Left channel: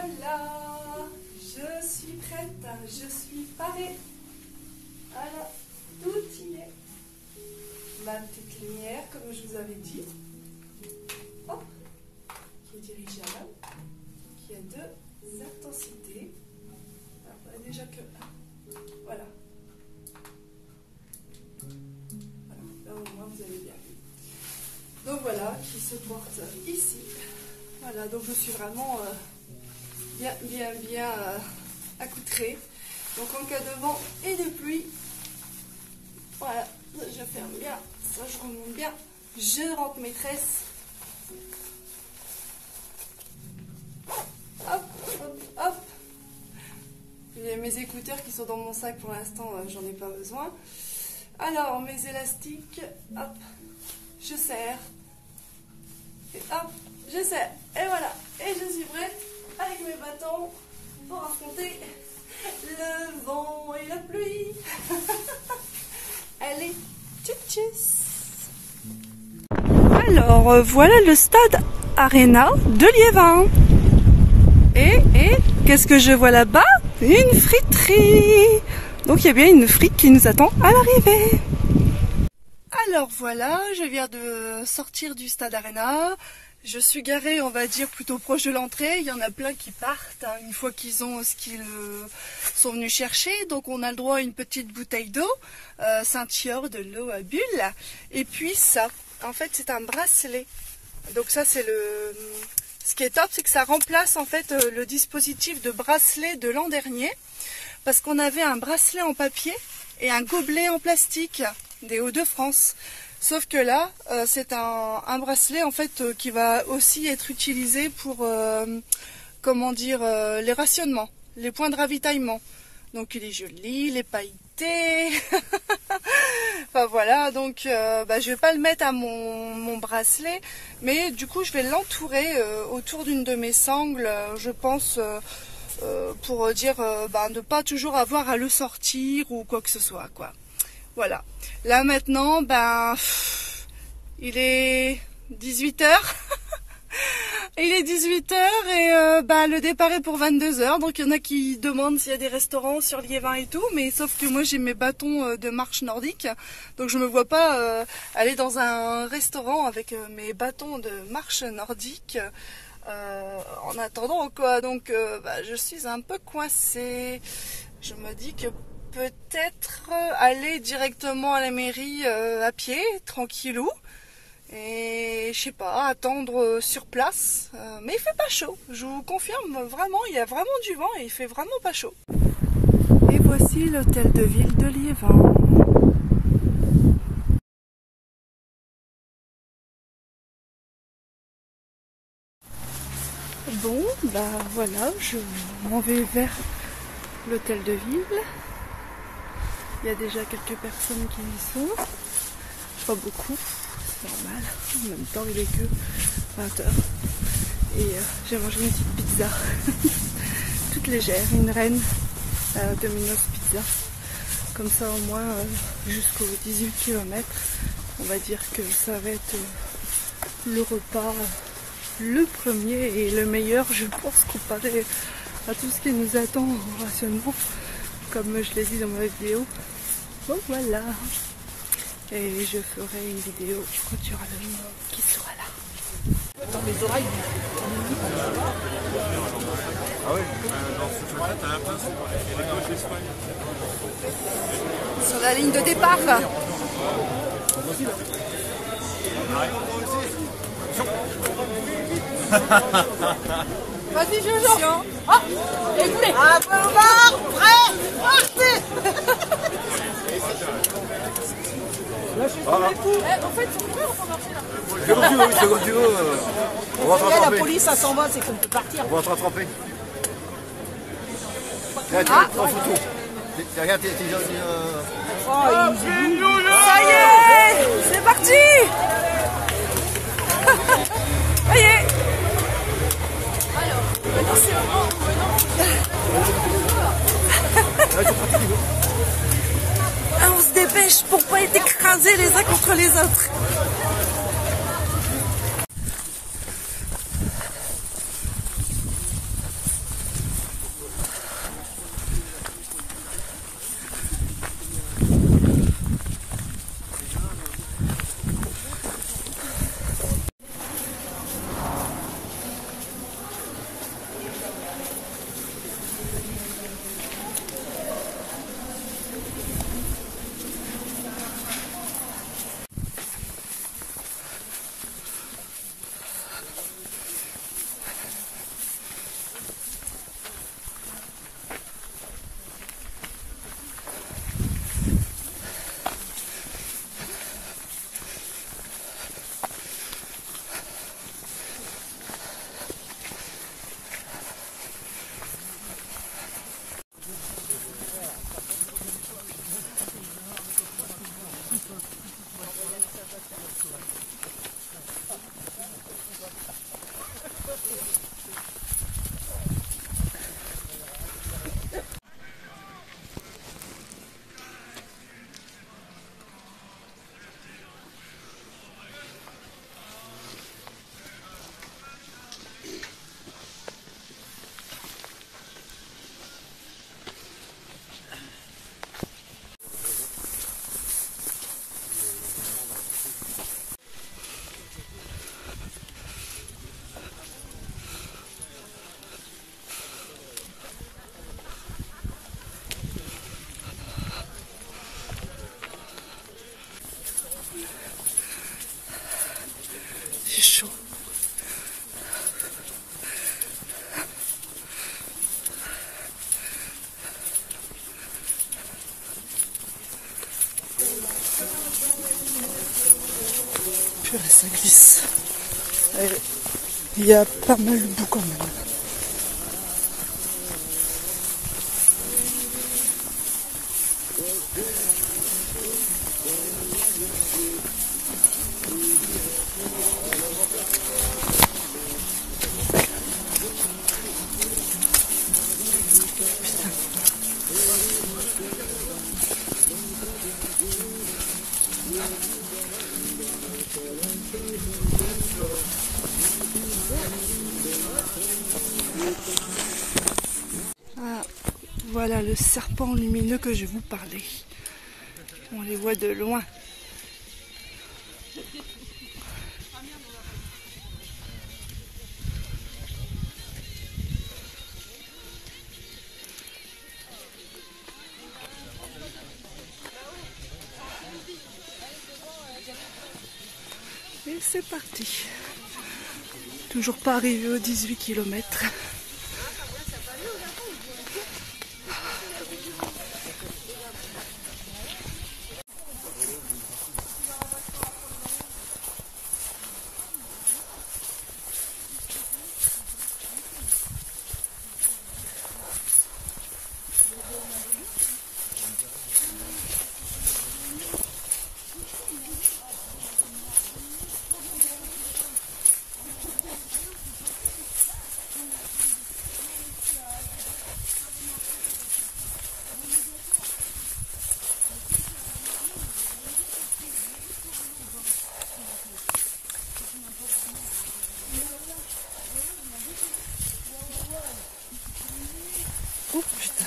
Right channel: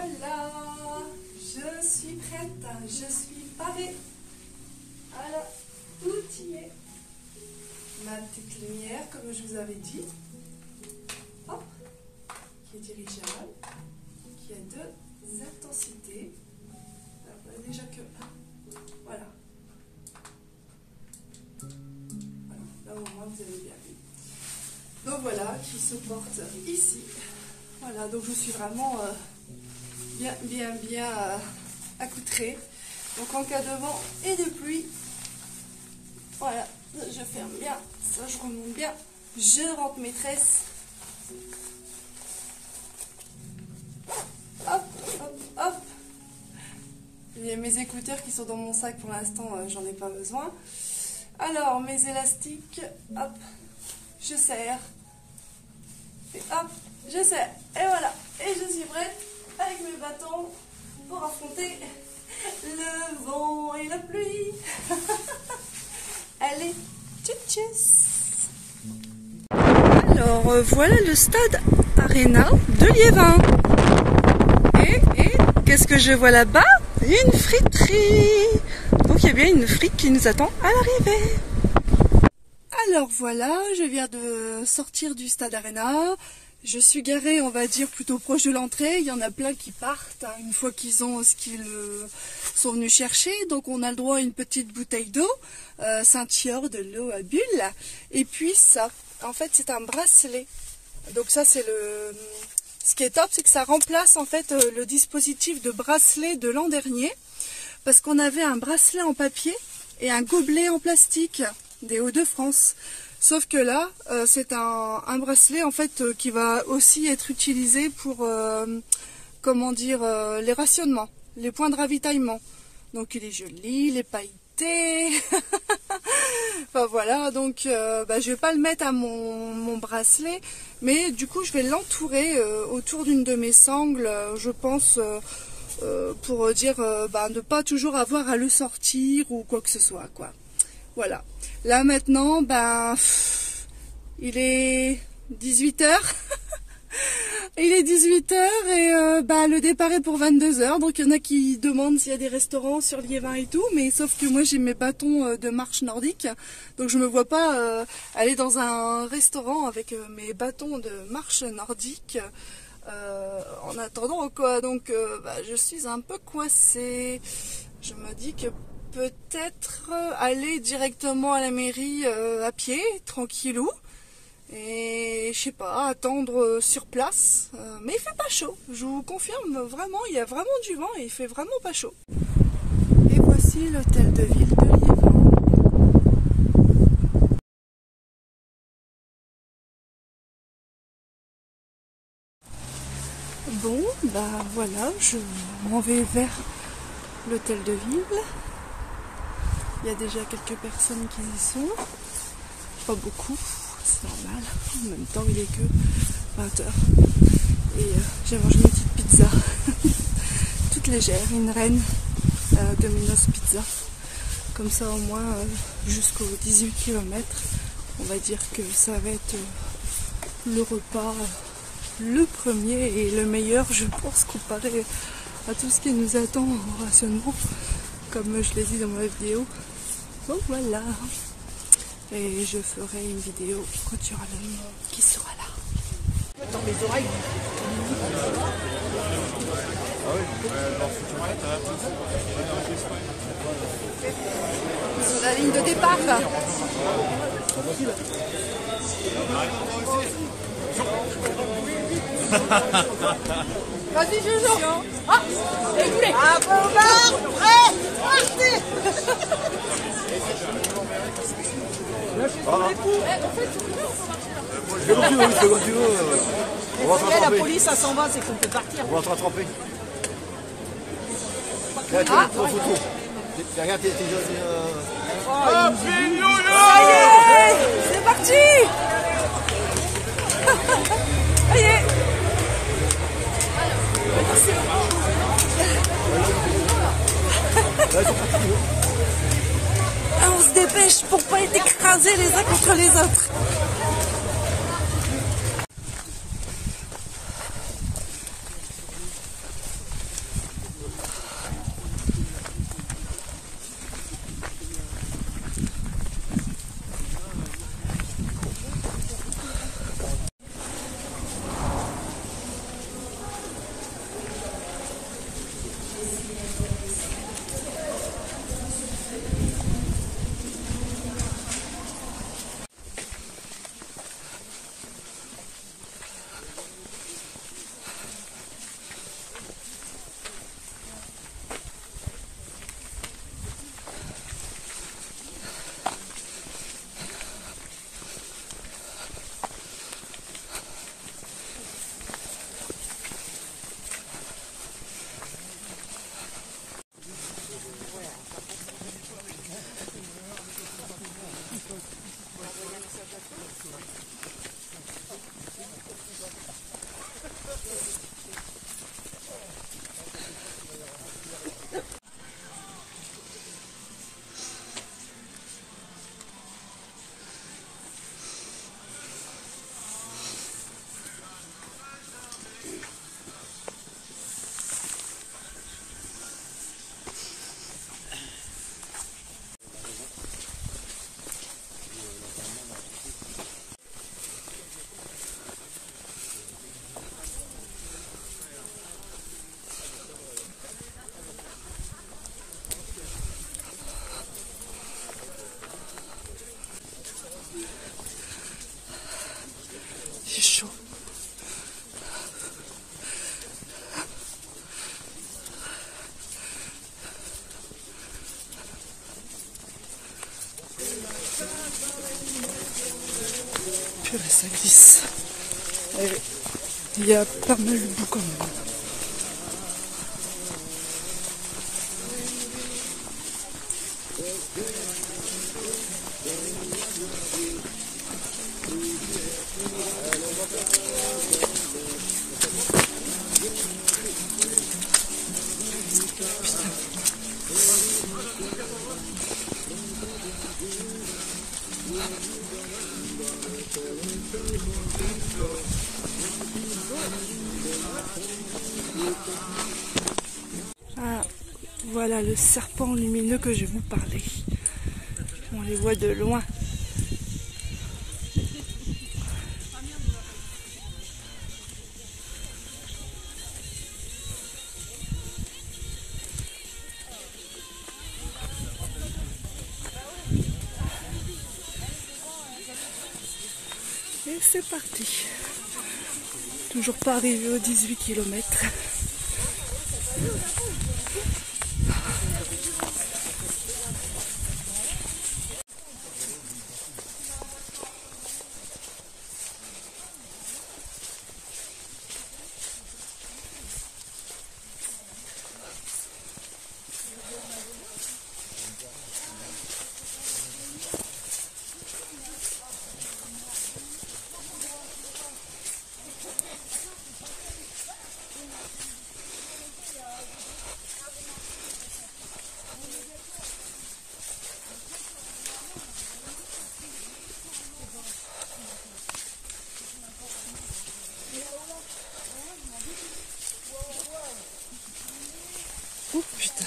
voilà, je suis prête, je suis parée. Voilà, tout y est. Ma petite lumière, comme je vous avais dit. Hop, qui est dirigée à là, qui a deux intensités. Alors, déjà que... Voilà. Voilà, là au moins vous avez bien vu. Donc voilà, qui se porte ici. Voilà, donc je suis vraiment bien accoutrée. Donc en cas de vent et de pluie, voilà, je ferme bien, ça je remonte bien, je rentre mes tresses. Hop, hop, hop. Il y a mes écouteurs qui sont dans mon sac pour l'instant, j'en ai pas besoin. Alors, mes élastiques, hop, je serre. Et hop, je serre. Et voilà, et je suis prête avec mes bâtons pour affronter le vent et la pluie. Allez, tchuss. Alors, voilà le stade Arena de Liévin. Et qu'est-ce que je vois là-bas? Une friterie. Donc il y a bien une frite qui nous attend à l'arrivée. Alors voilà, je viens de sortir du stade Arena. Je suis garée, on va dire, plutôt proche de l'entrée. Il y en a plein qui partent hein, une fois qu'ils ont ce qu'ils sont venus chercher. Donc on a le droit à une petite bouteille d'eau, Saint-Thior, de l'eau à bulles. Et puis ça, en fait c'est un bracelet. Donc ça c'est le... Ce qui est top, c'est que ça remplace en fait le dispositif de bracelet de l'an dernier. Parce qu'on avait un bracelet en papier et un gobelet en plastique des Hauts-de-France. Sauf que là, c'est un bracelet en fait qui va aussi être utilisé pour, comment dire, les rationnements, les points de ravitaillement. Donc il est joli, il est pailleté. Enfin voilà, donc je vais pas le mettre à mon bracelet, mais du coup je vais l'entourer autour d'une de mes sangles, je pense, pour dire ne pas toujours avoir à le sortir ou quoi que ce soit, quoi. Voilà. Là maintenant, il est 18 h. Il est 18 h et le départ est pour 22 h. Donc il y en a qui demandent s'il y a des restaurants sur Liévin et tout, mais sauf que moi j'ai mes bâtons de marche nordique, donc je me vois pas aller dans un restaurant avec mes bâtons de marche nordique en attendant quoi. Donc je suis un peu coincée. Je me dis que peut-être aller directement à la mairie à pied, tranquillou, et je sais pas, attendre sur place, mais il fait pas chaud, je vous confirme, vraiment, il y a vraiment du vent et il fait vraiment pas chaud. Et voici l'hôtel de ville de Liévin. Bon, voilà, je m'en vais vers l'hôtel de ville. Il y a déjà quelques personnes qui y sont, pas beaucoup, c'est normal, en même temps il est que 20 h. Et j'ai mangé une petite pizza, toute légère, une reine Domino's Pizza. Comme ça au moins jusqu'aux 18 km, on va dire que ça va être le repas, le premier et le meilleur, je pense, comparé à tout ce qui nous attend au rationnement, comme je l'ai dit dans ma vidéo. Donc voilà, et je ferai une vidéo quand il y aura le monde qui sera là. Dans mes oreilles. Ah oui, sur la ligne de départ. Vas-y Jojo. Ah, et vous voulez un peu au bar, prêt, partez. En fait, sur quoi on peut marcher là? Comme tu veux, on va te rattraper. La police, ça s'en va, c'est qu'on peut partir. On va te rattraper. Là, tu es en photo. Regarde, t'es gentil. Ça y est, c'est parti. Ça y est. On se dépêche pour pas être écrasés les uns contre les autres. c'est chaud. Purée, ça glisse. Allez, il y a pas mal de boue quand même. Ah, voilà le serpent lumineux que je vous parlais. On les voit de loin. Et c'est parti. Toujours pas arrivé aux 18 km. Oh putain.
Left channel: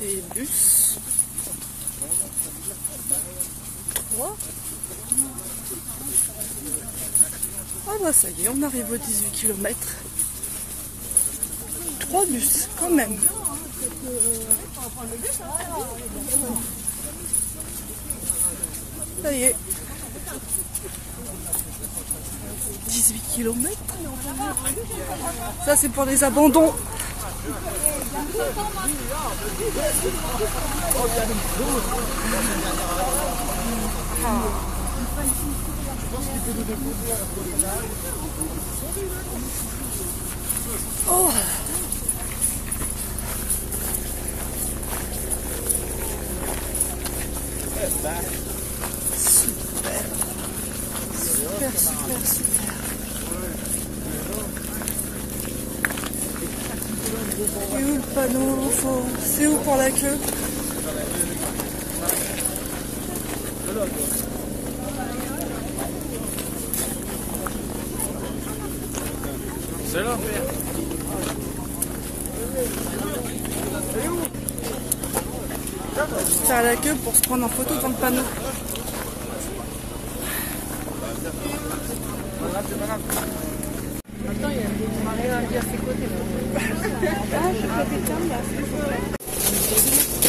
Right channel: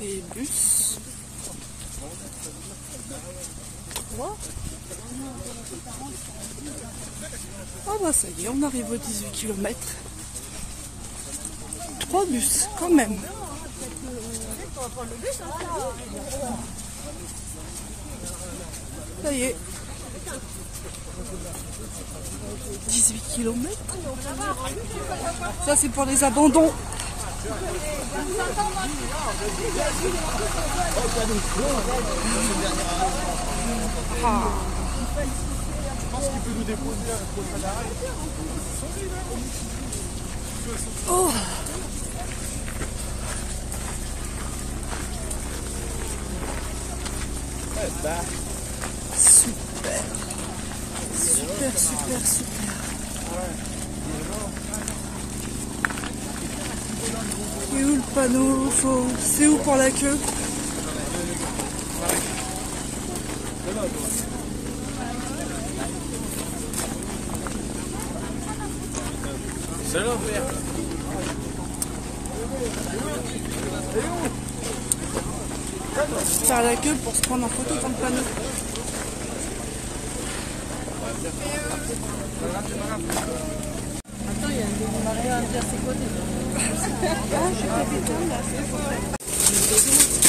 Les bus. 3. Ah bah ça y est, on arrive aux 18 km. 3 bus, quand même. Ça y est. 18 km. Ça c'est pour les abandons. Je pense qu'il peut nous déposer à la prochaine arrêt. Oh. Super. Super, super, super. Oui, le panneau, c'est où pour la queue? C'est là. C'est à la queue pour se prendre en photo dans le panneau. Attends, il y a un Maria à ses côtés. Ah, je vais pas t'éteindre là, s'il vous plaît.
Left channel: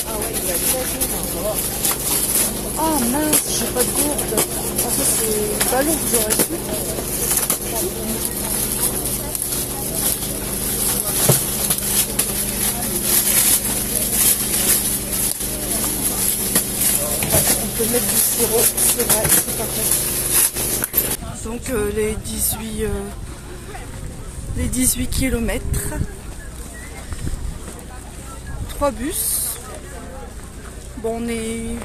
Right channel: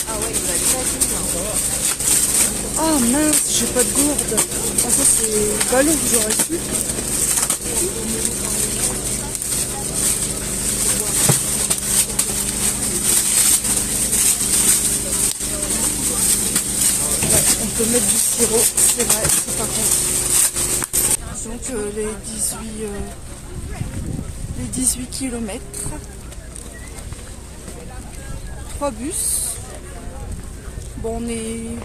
Ah ouais, il va aller pas. Oh mince, j'ai pas de gourde. En fait, c'est le ballon que j'ai reçu. On peut mettre du sirop, c'est pas bon. Donc les 18 km. 3 bus. Bon, il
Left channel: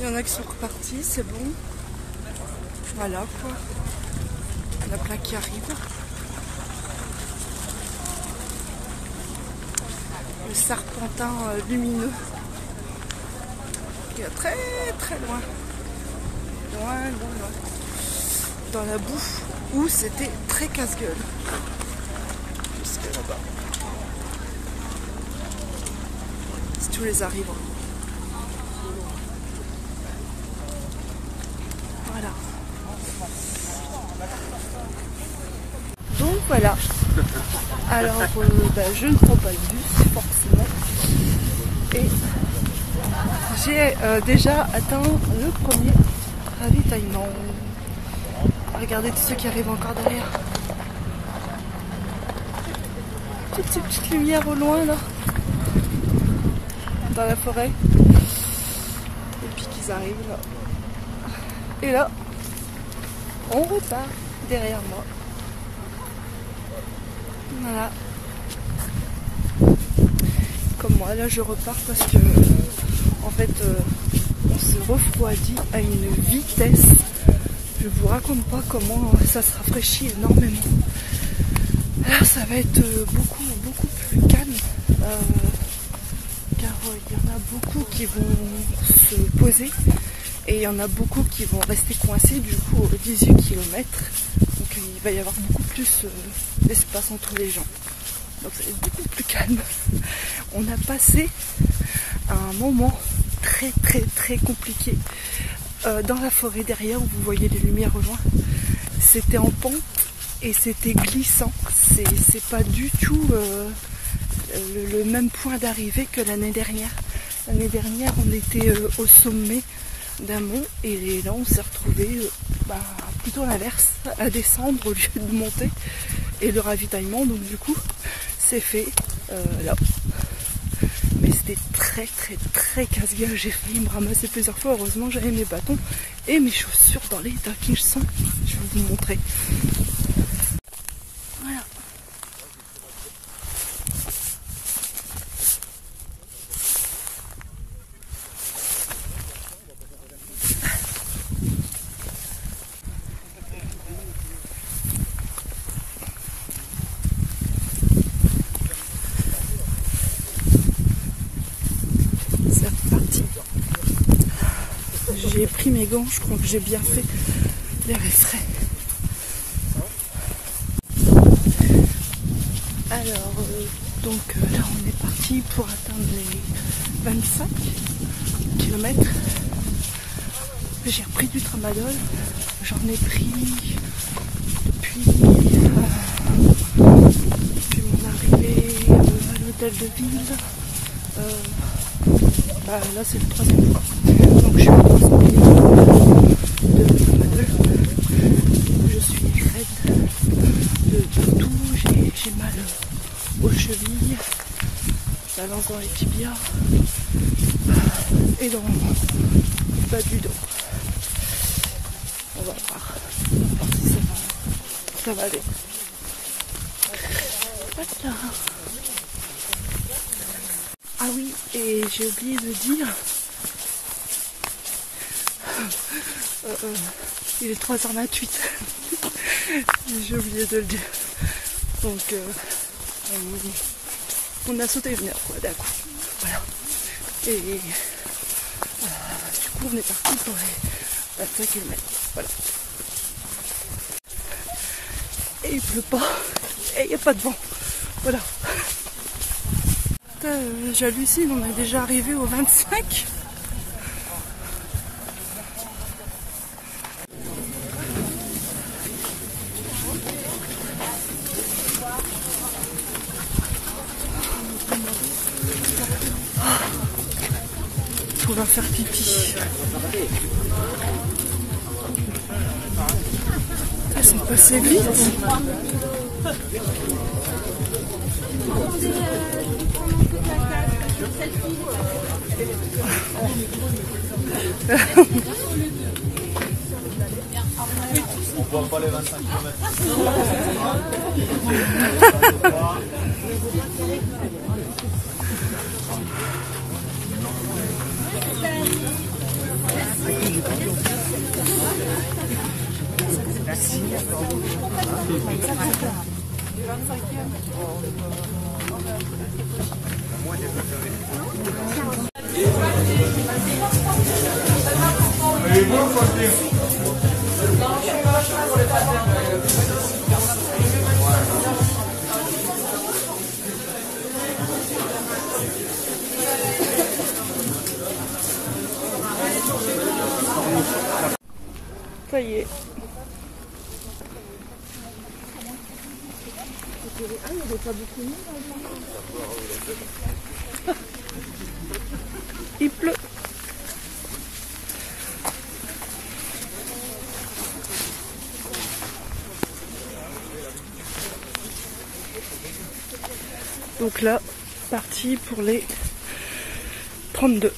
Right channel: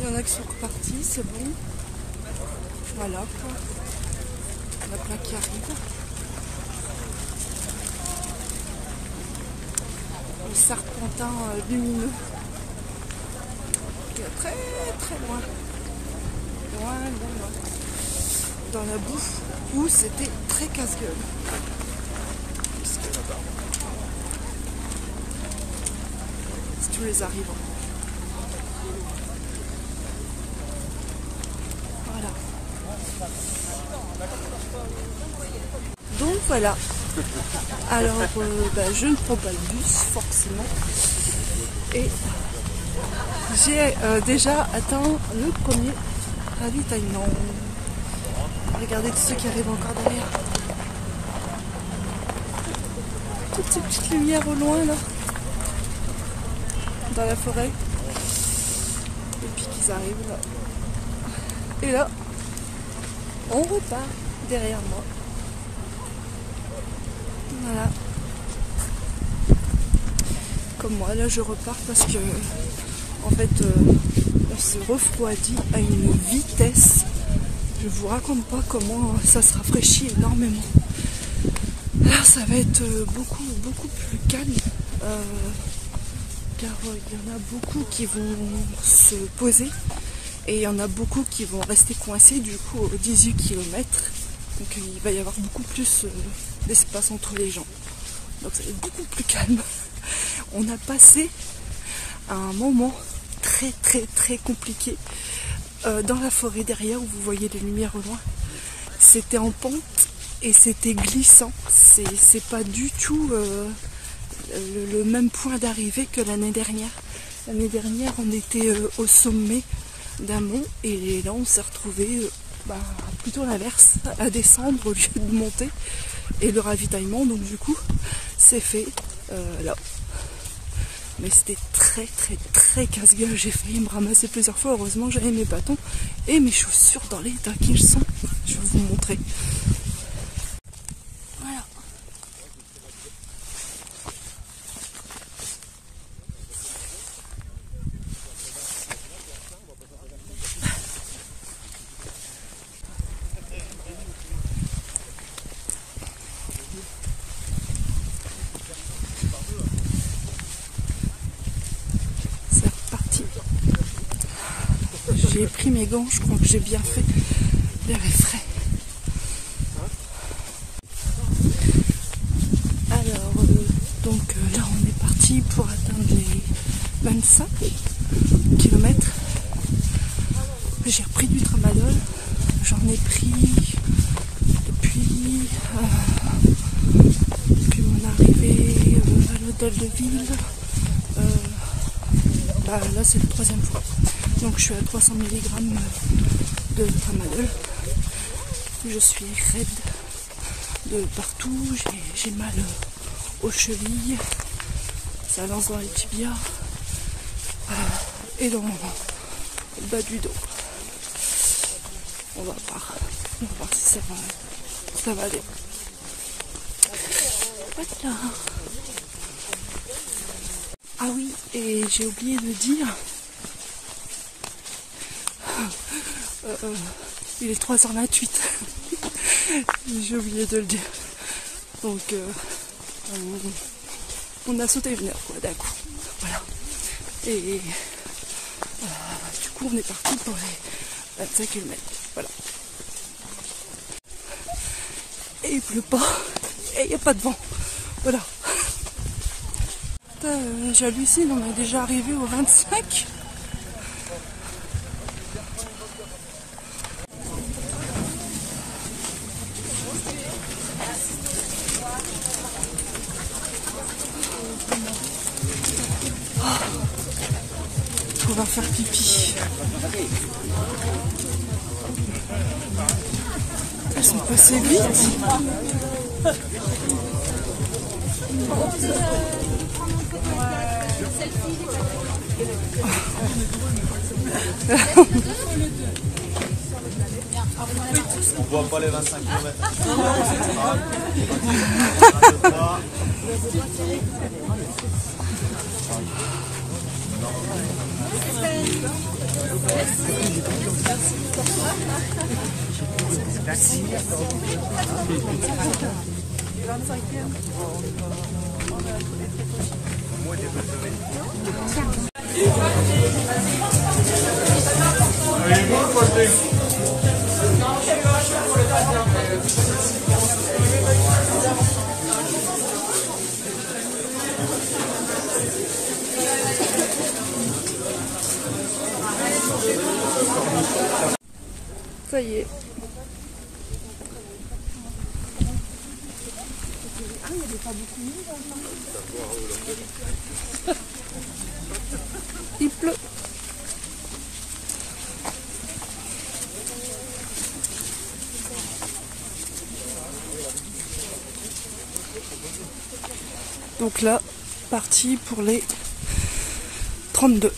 y en a qui sont repartis, c'est bon. Voilà quoi. Il y en a plein qui arrivent. Le serpentin lumineux qui est très très loin. Loin, loin, loin. Dans la boue où c'était très casse-gueule. tous les arrivants. Voilà. Donc voilà. Alors je ne prends pas le bus forcément. Et j'ai déjà atteint le premier ravitaillement. Regardez tous ceux qui arrivent encore derrière. Toutes ces petites lumières au loin là. Dans la forêt. Et puis qu'ils arrivent là. Et là, on repart derrière moi. Voilà. Comme moi, là je repars parce que en fait on s'est refroidi à une vitesse. Je vous raconte pas comment ça se rafraîchit énormément. Là ça va être beaucoup plus calme. Car il y en a beaucoup qui vont se poser et il y en a beaucoup qui vont rester coincés du coup 18 km. Donc il va y avoir beaucoup plus d'espace entre les gens. Donc ça va être beaucoup plus calme. On a passé un moment très compliqué dans la forêt derrière où vous voyez les lumières au loin. C'était en pente et c'était glissant. C'est pas du tout le même point d'arrivée que l'année dernière. L'année dernière on était au sommet d'un mont et là on s'est retrouvé plutôt l'inverse, à descendre au lieu de monter. Et le ravitaillement donc du coup c'est fait là. Mais c'était très casse-gueule. J'ai failli me ramasser plusieurs fois. Heureusement j'avais mes bâtons et mes chaussures dans l'état qu'ils sont. Je vais vous montrer. Voilà. J'ai pris mes gants, je crois que j'ai bien fait. L'air est frais. Alors, donc là on est parti pour atteindre les 25 km. J'ai repris du tramadol. J'en ai pris depuis mon arrivée à l'hôtel de ville. Là c'est le 3e jour. Donc je suis à 300 ml de tramadol. Je suis raide de partout. J'ai mal aux chevilles. Ça lance dans les tibias et dans le bas du dos. On va voir si ça va loin. Voilà. Ah oui, et j'ai oublié de dire, il est 3h28, j'ai oublié de le dire, donc on a sauté une heure quoi, d'un coup, voilà, et du coup on est parti pour les 25 km, voilà, et il pleut pas, et il n'y a pas de vent, voilà. J'hallucine, on est déjà arrivé au 25. On va faire pipi. Ils sont passés vite. On voit pas les 25 km. Merci. Ça y est. Il pleut. Donc là, parti pour les 32.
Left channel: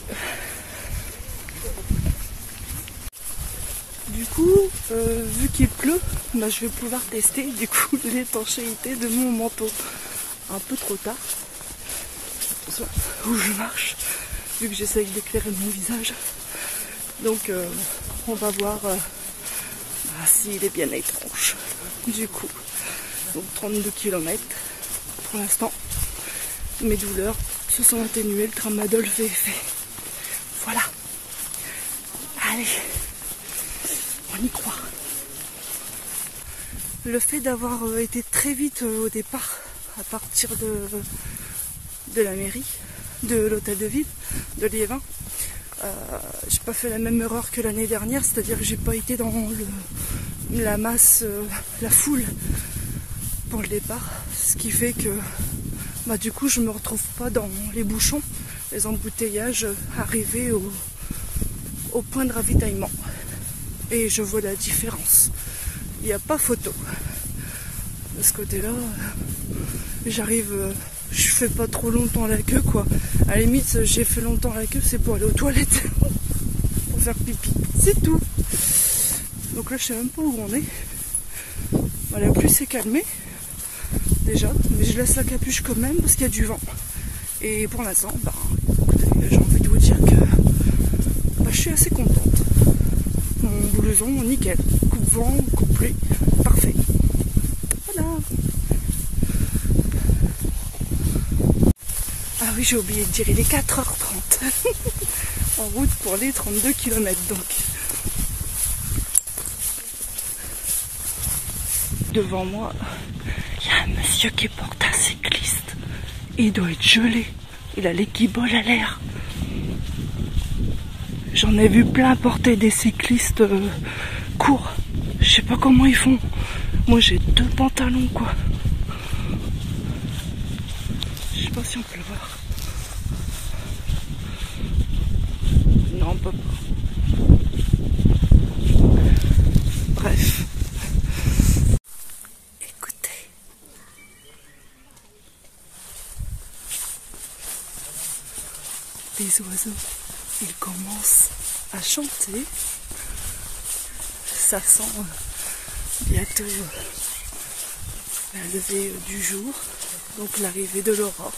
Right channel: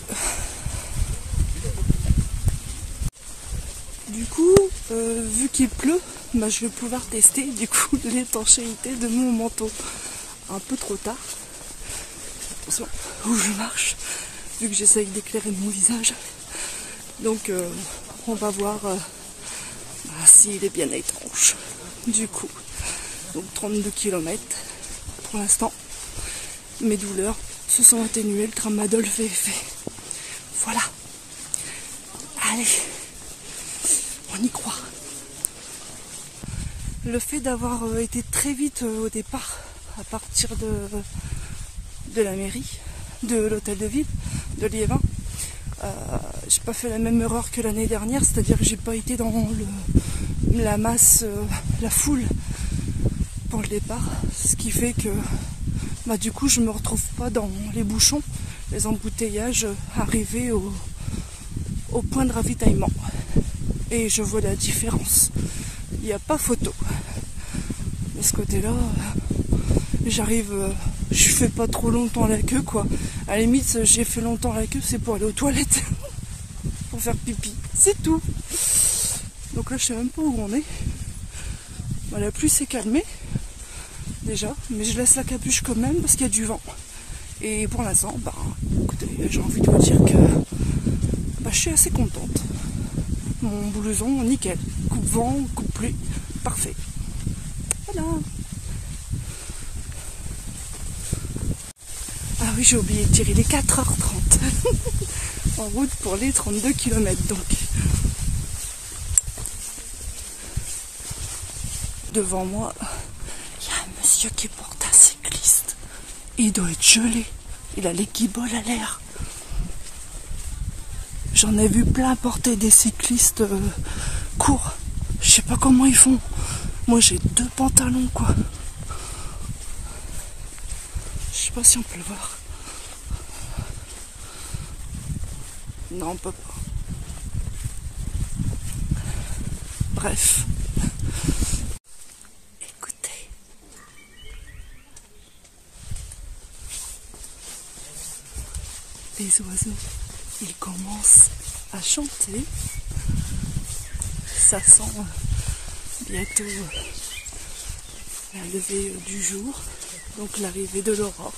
Du coup, vu qu'il pleut, bah, je vais pouvoir tester du coup l'étanchéité de mon manteau. Un peu trop tard. Attention où je marche, vu que j'essaye d'éclairer mon visage. Donc on va voir s'il est bien étanche. Du coup, donc 32 km pour l'instant. Mes douleurs se sont atténuées, le tramadol fait effet. Voilà. Allez, on y croit. Le fait d'avoir été très vite au départ, à partir de la mairie, de l'hôtel de ville, de Liévin, j'ai pas fait la même erreur que l'année dernière, c'est-à-dire que j'ai pas été dans la masse, la foule pour le départ, ce qui fait que bah, du coup je me retrouve pas dans les bouchons, les embouteillages arrivés au point de ravitaillement. Et je vois la différence. Il n'y a pas photo. De ce côté-là, j'arrive, je fais pas trop longtemps la queue quoi. À la limite, j'ai fait longtemps la queue, c'est pour aller aux toilettes, pour faire pipi, c'est tout. Donc là, je sais même pas où on est. Voilà, la pluie s'est calmée déjà, mais je laisse la capuche quand même parce qu'il y a du vent. Et pour l'instant, bah, écoutez, j'ai envie de vous dire que bah, je suis assez contente. Mon blouson, nickel. Coupe vent, coupe pluie, parfait. Voilà. Ah oui, j'ai oublié de dire, il est 4h30. En route pour les 32 km donc. Devant moi, il y a un monsieur qui porte un cycliste. Il doit être gelé. Il a les guibolles à l'air. J'en ai vu plein porter des cyclistes courts. Je sais pas comment ils font. Moi j'ai 2 pantalons quoi. Je sais pas si on peut le voir. Non, on peut pas. Bref. Écoutez. Les oiseaux, ils commencent à chanter. Ça sent bientôt la levée du jour, donc l'arrivée de l'aurore.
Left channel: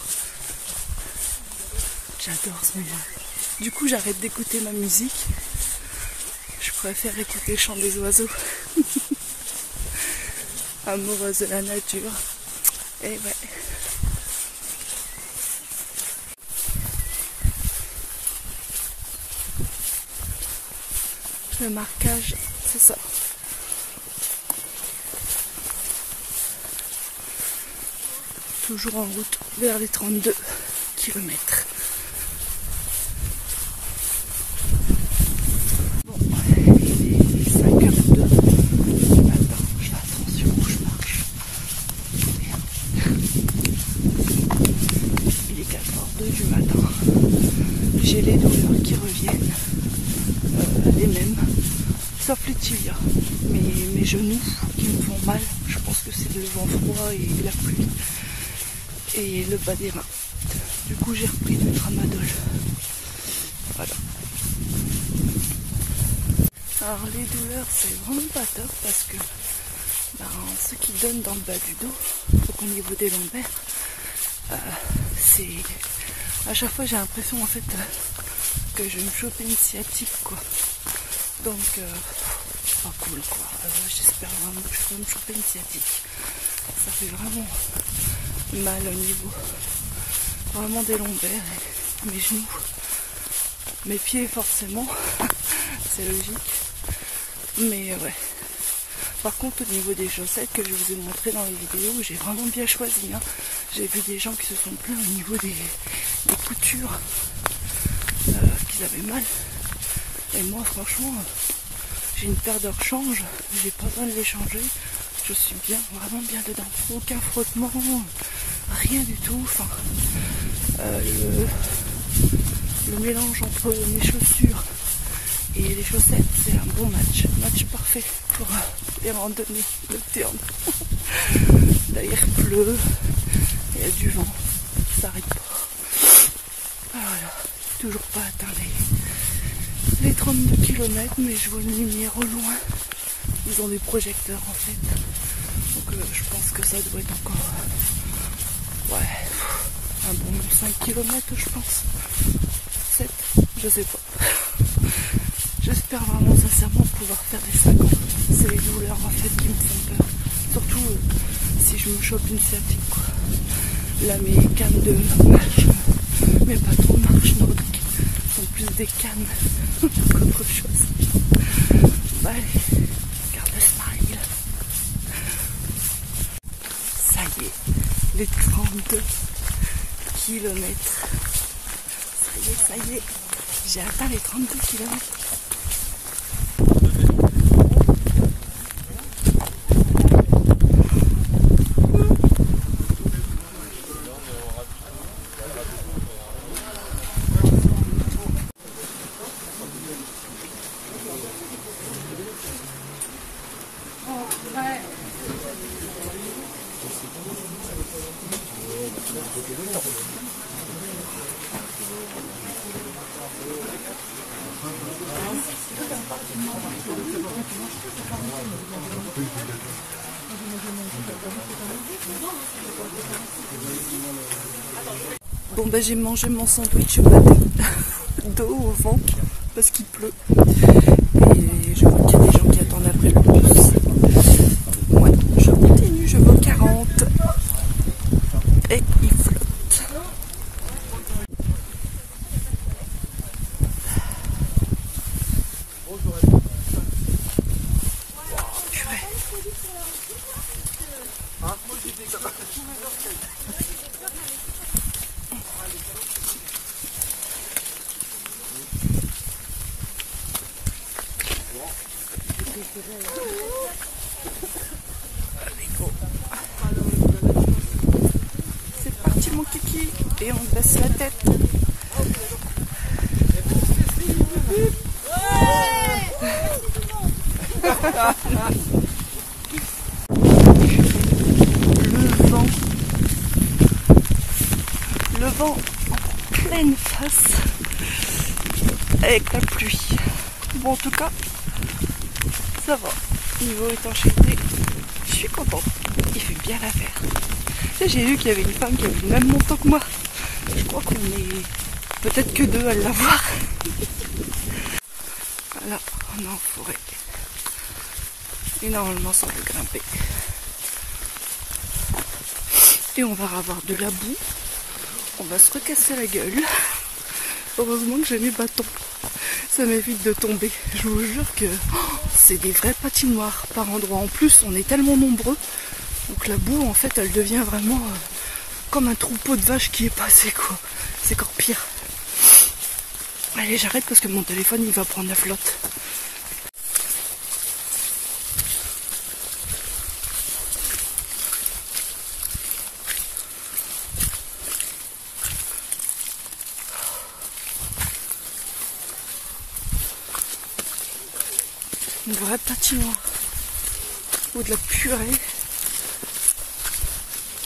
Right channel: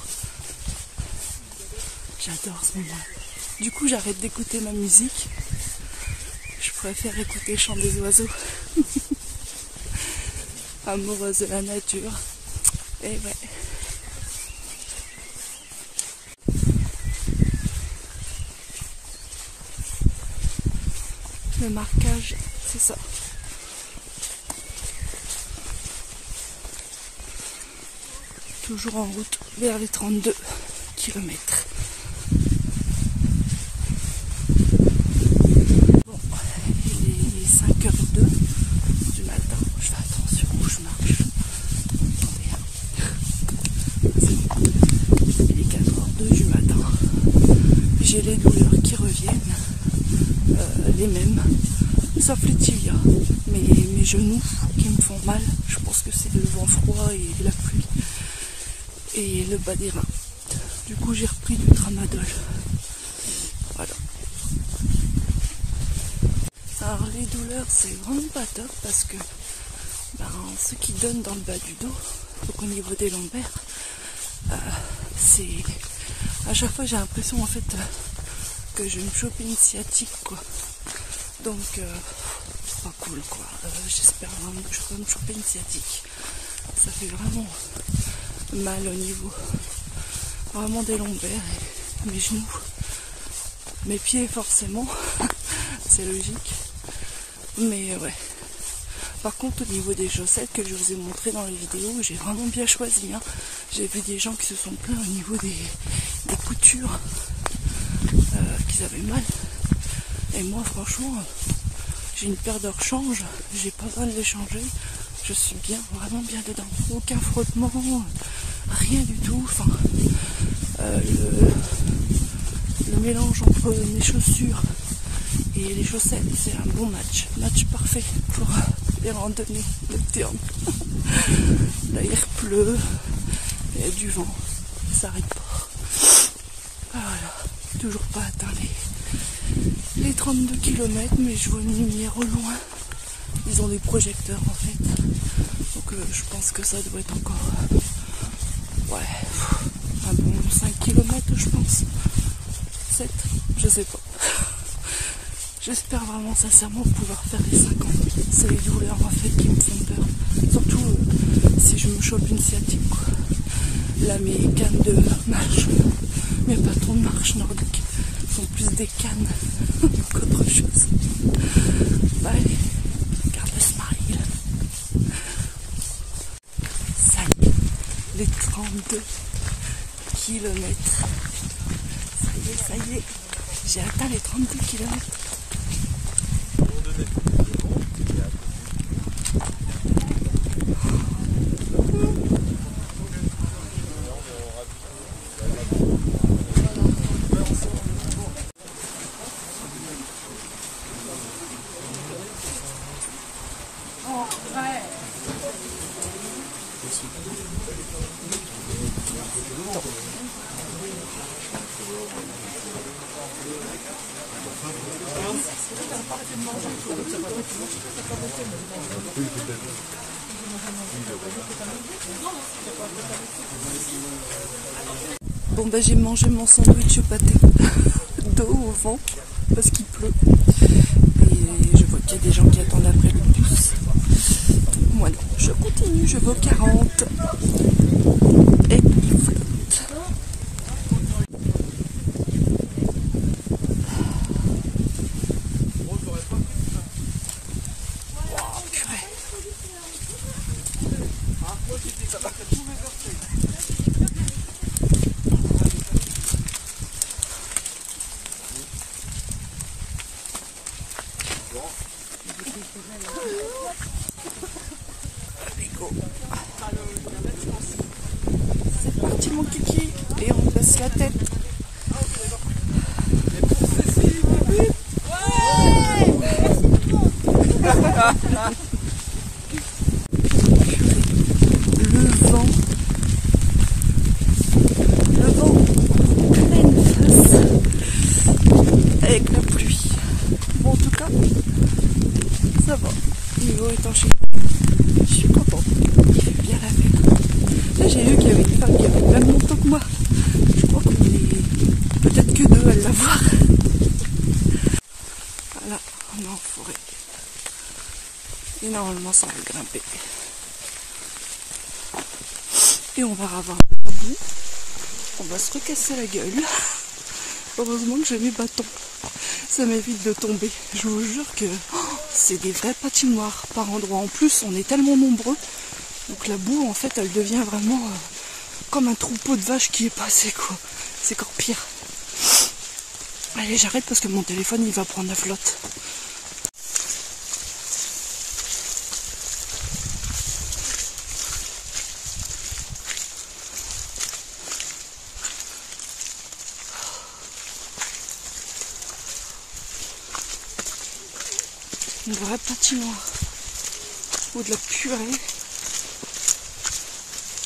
J'adore ce moment. Du coup, j'arrête d'écouter ma musique. Je préfère écouter le chant des oiseaux. Amoureuse de la nature. Et ouais. Le marquage, c'est ça. Toujours en route vers les 32 km. Bon, il est 5h02 du matin. Je fais attention où je marche. Il est 4h02 du matin. J'ai les douleurs qui reviennent. Les mêmes, sauf les tibias, mais mes genoux qui me font mal, je pense que c'est le vent froid et la pluie et le bas des reins. Du coup j'ai repris du tramadol. Voilà. Alors les douleurs c'est vraiment pas top parce que ce qui donne dans le bas du dos, donc au niveau des lombaires, c'est à chaque fois j'ai l'impression en fait que je vais me choper une sciatique quoi. Donc pas cool quoi. J'espère vraiment que je vais me choper une sciatique. Ça fait vraiment mal au niveau vraiment des lombaires, mes genoux, mes pieds forcément, c'est logique. Mais ouais. Par contre au niveau des chaussettes que je vous ai montré dans les vidéos, j'ai vraiment bien choisi. Hein. J'ai vu des gens qui se sont plaints au niveau des coutures, qu'ils avaient mal. Et moi franchement, J'ai une paire de rechange, j'ai pas besoin de les changer. Je suis bien, vraiment bien dedans. Aucun frottement, rien du tout. Enfin, le mélange entre mes chaussures et les chaussettes, c'est un bon match. Match parfait pour les randonnées nocturnes. Là, il pleut, il y a du vent, ça n'arrête pas. Voilà, toujours pas atteint les 32 km, mais je vois une lumière au loin. Ils ont des projecteurs en fait. Donc je pense que ça doit être encore un bon 5 km je pense. 7, je sais pas. J'espère vraiment sincèrement pouvoir faire les 50. C'est les douleurs en fait qui me font peur. Surtout si je me chope une sciatique quoi. Là mes cannes de marche, mes bâtons de marche nordiques sont plus des cannes qu'autre chose. Bye. Garde le smile. Ça y est, les 32 km. Ça y est, j'ai atteint les 32 km. Bon ben j'ai mangé mon sandwich au matin d'eau au vent parce qu'il pleut et je vois qu'il y a des gens qui attendent après le bus. Ouais, je continue, je vais au 40 et il flotte. C'est parti mon kiki et on baisse la tête. Le vent en pleine face avec la pluie. Bon en tout cas ça va, niveau étanchéité, je suis contente, il fait bien l'affaire. Là j'ai vu qu'il y avait une femme qui avait le même manteau que moi, je crois qu'on est peut-être que deux à l'avoir. Voilà, on est en forêt et normalement ça va grimper. Et on va avoir de la boue, on va se recasser la gueule. Heureusement que j'ai mes bâtons, ça m'évite de tomber. Je vous jure que c'est des vrais patinoires par endroits. En plus, on est tellement nombreux, donc la boue, en fait, elle devient vraiment comme un troupeau de vaches qui est passé, quoi. C'est encore pire. Allez, j'arrête parce que mon téléphone, il va prendre la flotte. Une vraie patinoire ou de la purée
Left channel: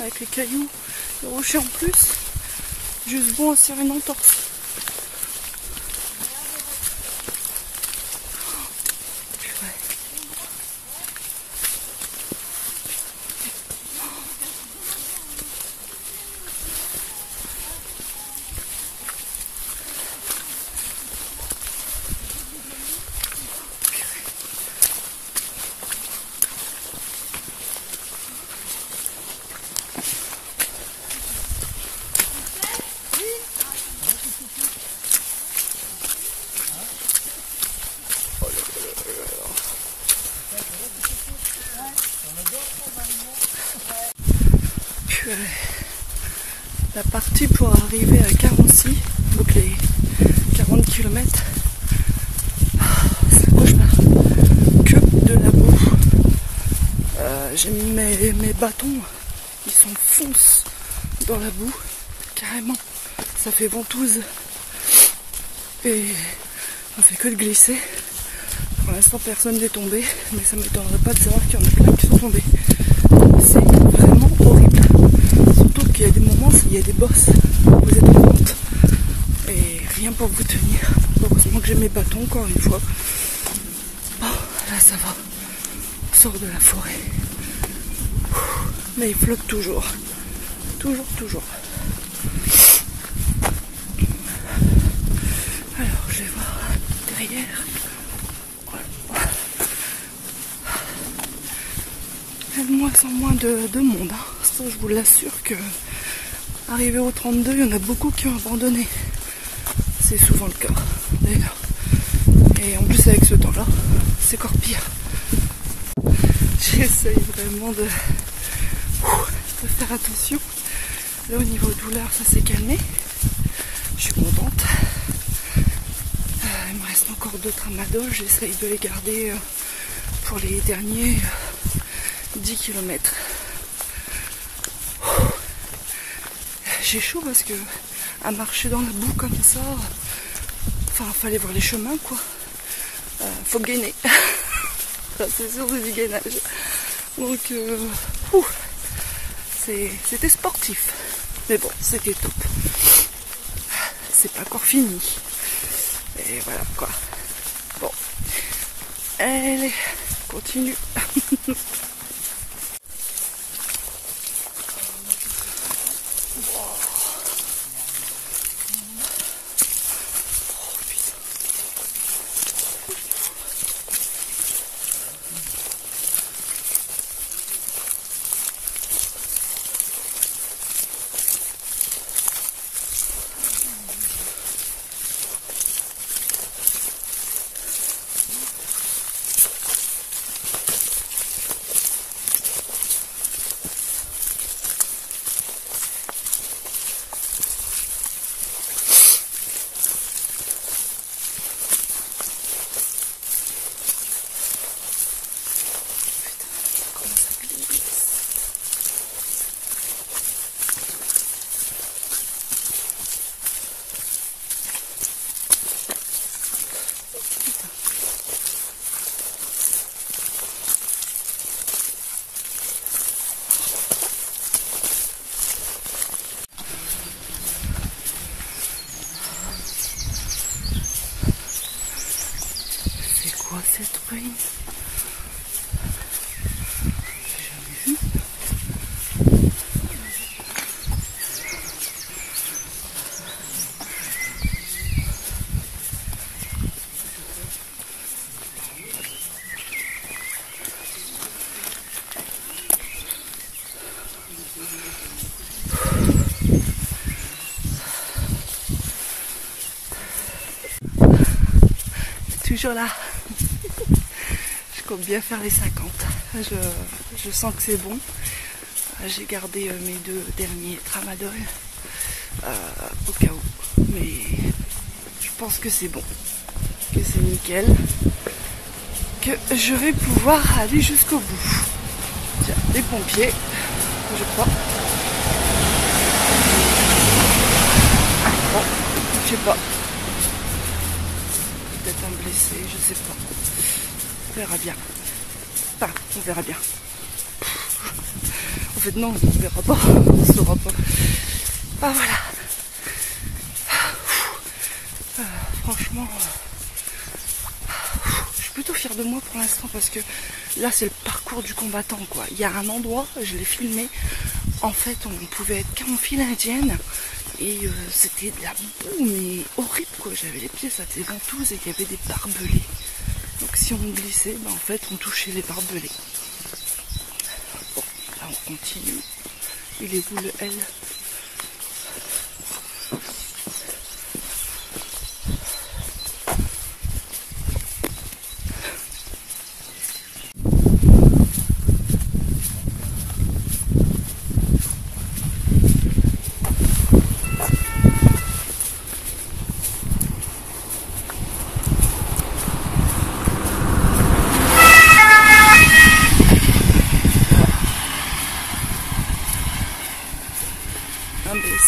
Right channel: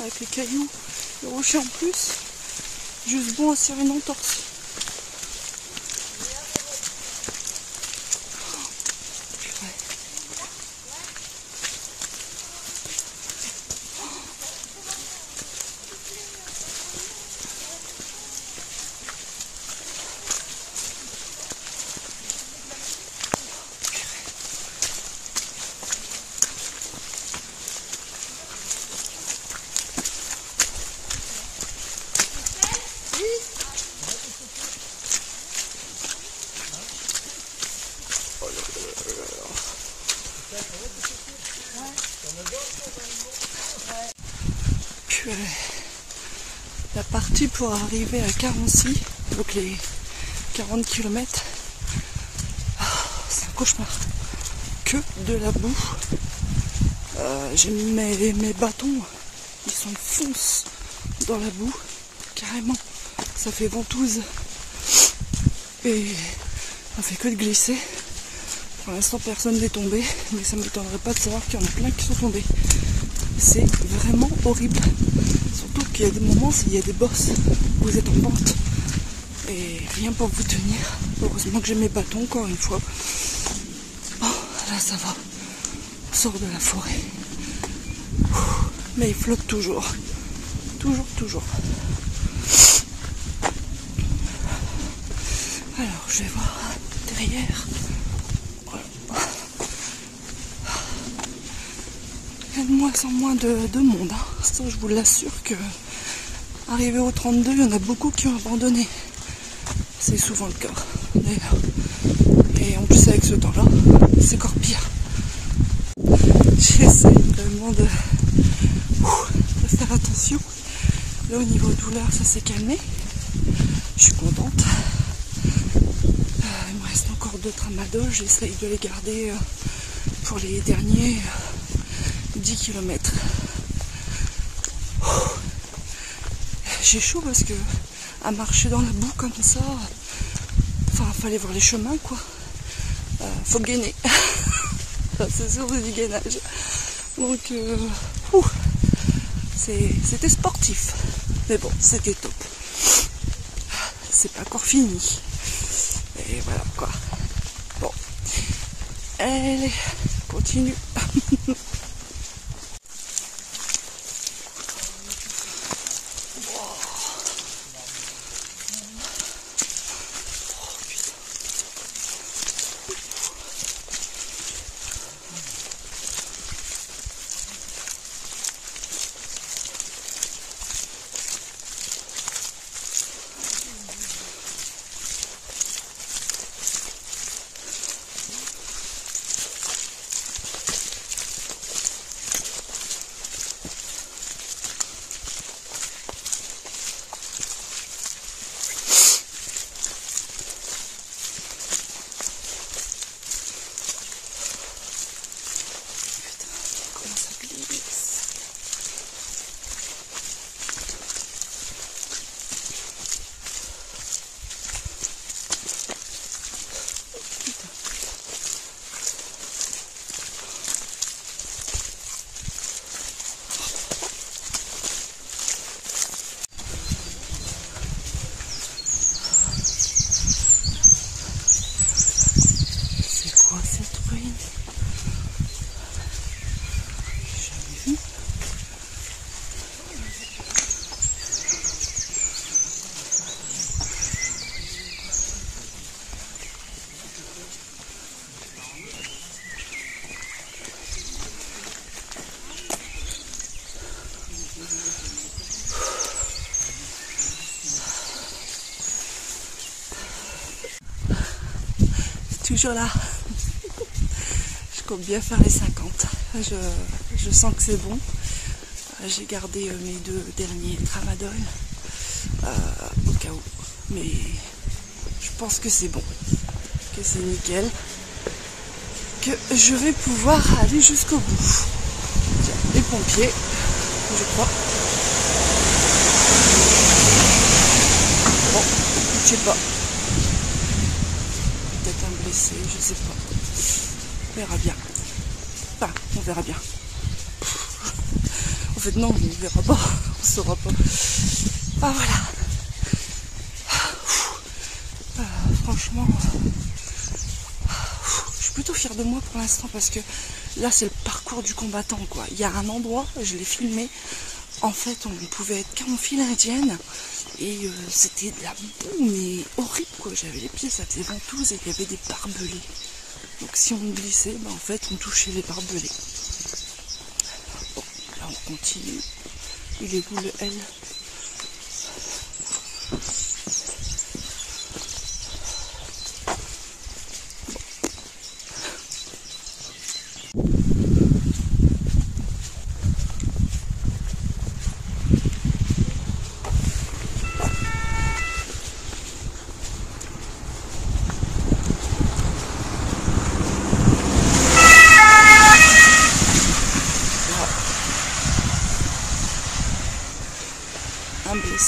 avec les cailloux, les rochers en plus, juste bon à serrer une entorse. La partie pour arriver à Carency, donc les 40 km, c'est un cauchemar. la boue. J'ai mis mes bâtons, ils s'enfoncent dans la boue, carrément. Ça fait ventouse. Et on fait que de glisser. Pour l'instant, personne n'est tombé, mais ça ne m'étonnerait pas de savoir qu'il y en a plein qui sont tombés. C'est vraiment horrible. Surtout qu'il y a des moments, il y a des bosses où vous êtes en pente. Et rien pour vous tenir. Heureusement que j'ai mes bâtons, encore une fois. Bon, là ça va. On sort de la forêt. Mais il flotte toujours. Toujours. Alors, je vais voir derrière. Il y a de moins en moins de monde. Hein. Ça, je vous l'assure que, arrivé au 32, il y en a beaucoup qui ont abandonné. C'est souvent le cas. D'ailleurs. Et en plus, avec ce temps-là, c'est encore pire. J'essaye vraiment de faire attention. Là, au niveau douleur, ça s'est calmé. Je suis contente. Il me reste encore 2 tramadol. J'essaye de les garder pour les derniers 10 km. J'ai chaud parce que à marcher dans la boue comme ça, enfin, fallait voir les chemins, quoi. Faut gainer. C'est sûr, c'est du gainage. Donc, c'était sportif. Mais bon, c'était top. C'est pas encore fini. Et voilà, quoi. Bon. Allez, continue. Cette ruine, j'ai jamais vu. Toujours là. Je compte bien faire les 50. Je sens que c'est bon. J'ai gardé mes 2 derniers tramadol au cas où. Mais je pense que c'est bon. Que c'est nickel. Que je vais pouvoir aller jusqu'au bout. Tiens, les pompiers, je crois. Bon, je sais pas. Peut-être un blessé, je sais pas. On verra bien. Enfin, on verra bien. En fait, non, on verra pas. On saura pas. Ah, voilà. Franchement, je suis plutôt fière de moi pour l'instant parce que là, c'est le parcours du combattant, quoi. Il y a un endroit, je l'ai filmé. En fait, on pouvait être qu'en file indienne. Et c'était de la boue, mais horrible, quoi. J'avais les pieds, ça était ventouse et il y avait des barbelés. Donc si on glissait, ben en fait on touchait les barbelés. Bon, là on continue. Il est où le L?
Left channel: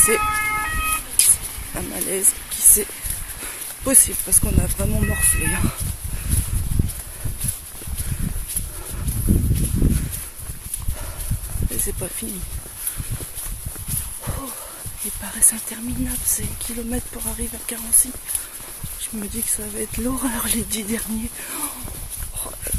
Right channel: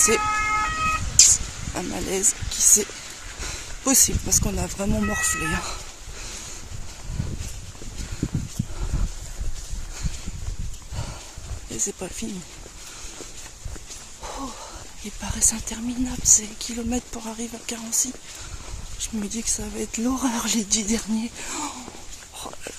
c'est un malaise qui c'est possible parce qu'on a vraiment morflé là. Et c'est pas fini. Oh, il paraît interminable ces kilomètres pour arriver à Carency. Je me dis que ça va être l'horreur les 10 derniers. Oh là là.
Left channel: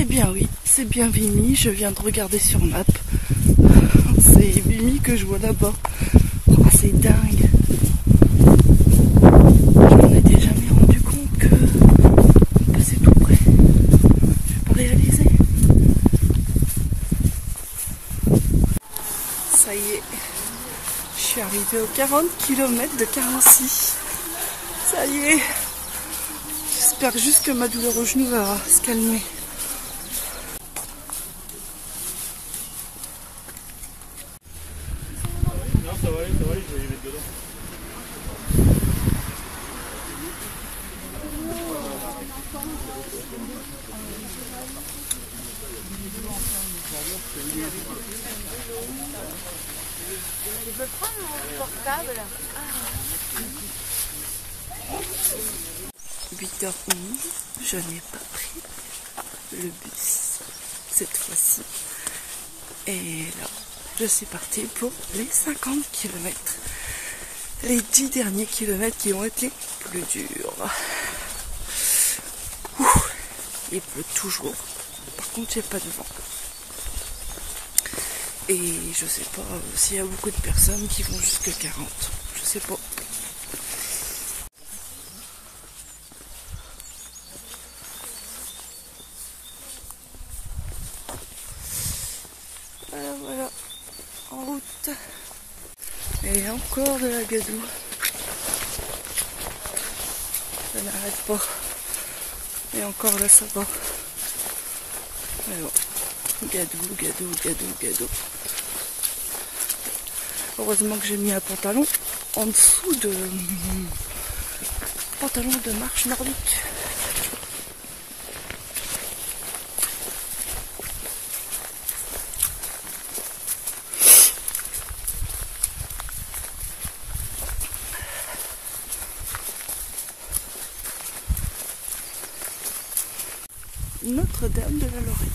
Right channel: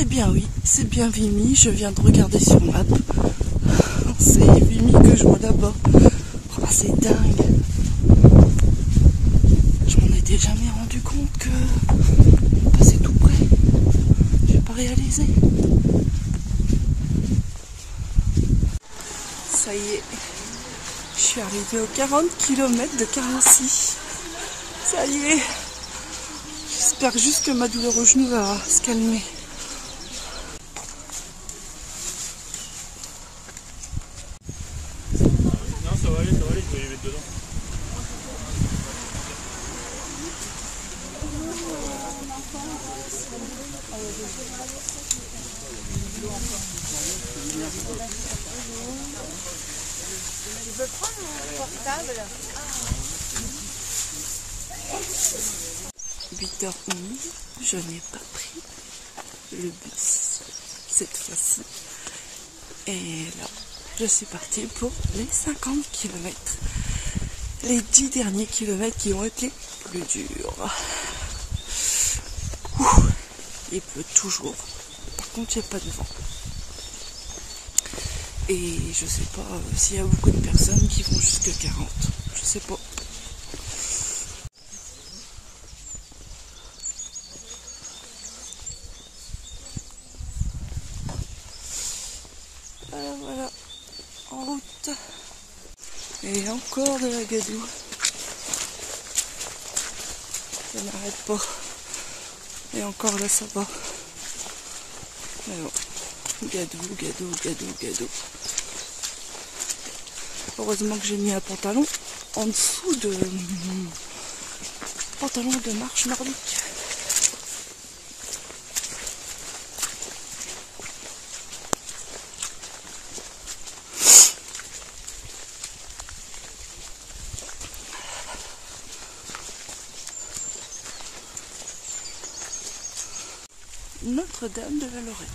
Eh bien oui, c'est bien Vimy, je viens de regarder sur map. C'est Vimy que je vois là-bas. Oh, c'est dingue. Je m'en étais jamais rendu compte que c'est tout près. J'ai pas réalisé. Ça y est, je suis arrivée aux 40 km de Carency. Ça y est. J'espère juste que ma douleur au genou va se calmer. Ça va aller, je vais les mettre dedans. Je peux prendre mon portable. 8h11, je n'ai pas pris le bus cette fois-ci. Et là, je suis partie pour les 50 km. Les 10 derniers kilomètres qui ont été plus durs. Ouh, il pleut toujours. Par contre, il n'y a pas de vent. Et je sais pas s'il y a beaucoup de personnes qui vont jusqu'à 40. Je sais pas. Voilà, en route. Et encore de la gadoue. Ça n'arrête pas. Et encore là, ça va. Mais bon, gadou. Heureusement que j'ai mis un pantalon en dessous de pantalon de marche nordique. Notre-Dame de la Lorette,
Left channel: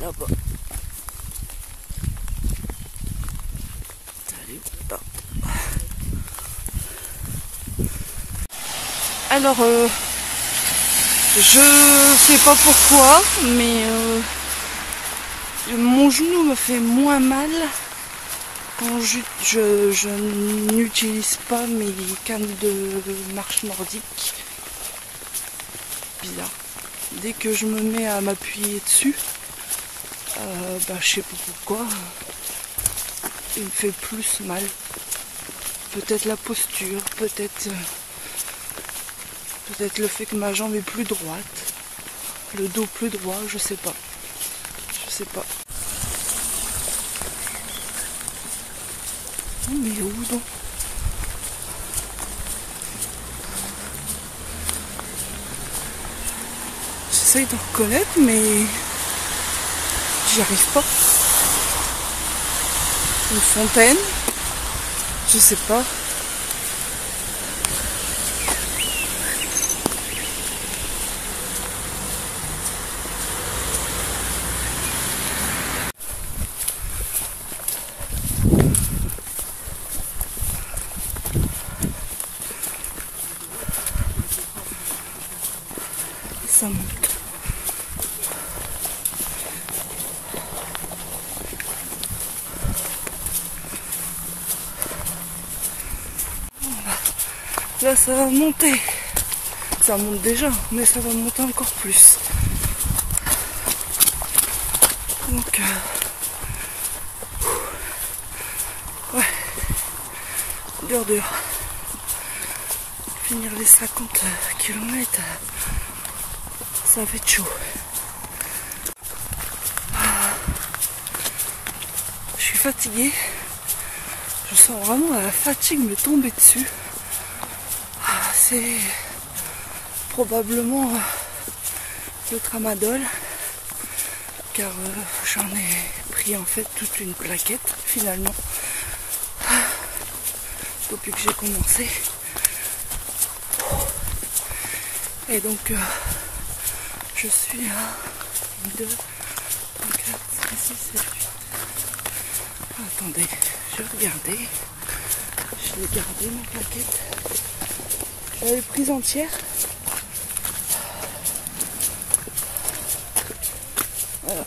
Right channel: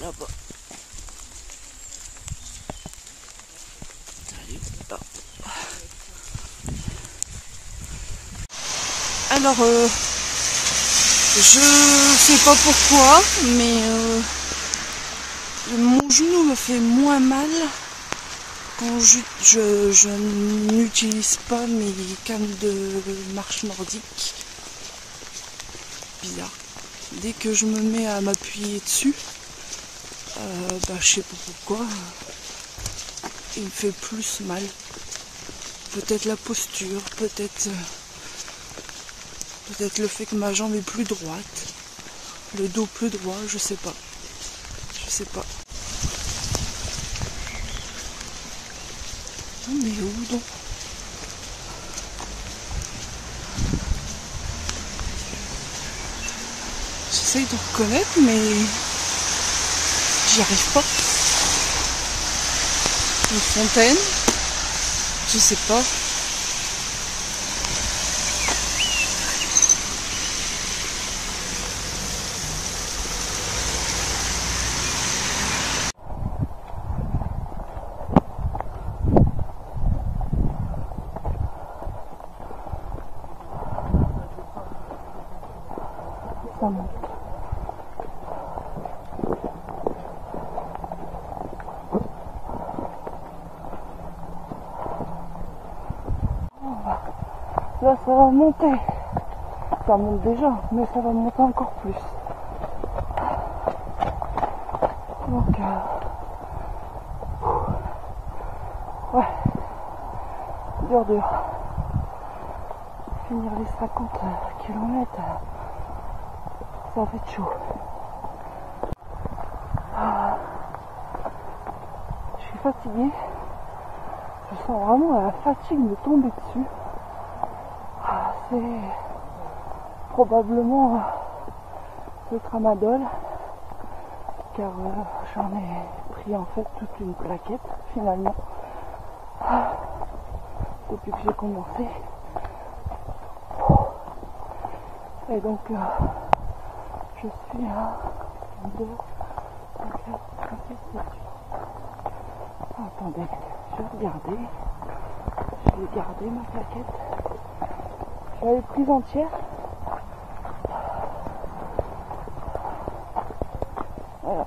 là-bas. Allez, là. Alors, je sais pas pourquoi, mais mon genou me fait moins mal quand je n'utilise pas mes cannes de marche nordique. Bizarre. Dès que je me mets à m'appuyer dessus, je sais pas pourquoi, il me fait plus mal. Peut-être la posture, peut-être le fait que ma jambe est plus droite, le dos plus droit, je sais pas. Mais où donc? J'essaye de reconnaître, mais j'y arrive pas. Une fontaine, je sais pas. monte. Là ça va monter. Ça monte déjà, mais ça va monter encore plus. Donc ouais, dur. Finir les 50 km, ça va être chaud. Je suis fatiguée. Je sens vraiment la fatigue me tomber dessus. C'est probablement le tramadol, car j'en ai pris en fait toute une plaquette finalement depuis que j'ai commencé. Et donc je suis à 2, 3, 4, 5, 6, 7, 8. Attendez, je vais regarder. Je l'ai gardé ma plaquette. Je l'avais prise entière. Alors.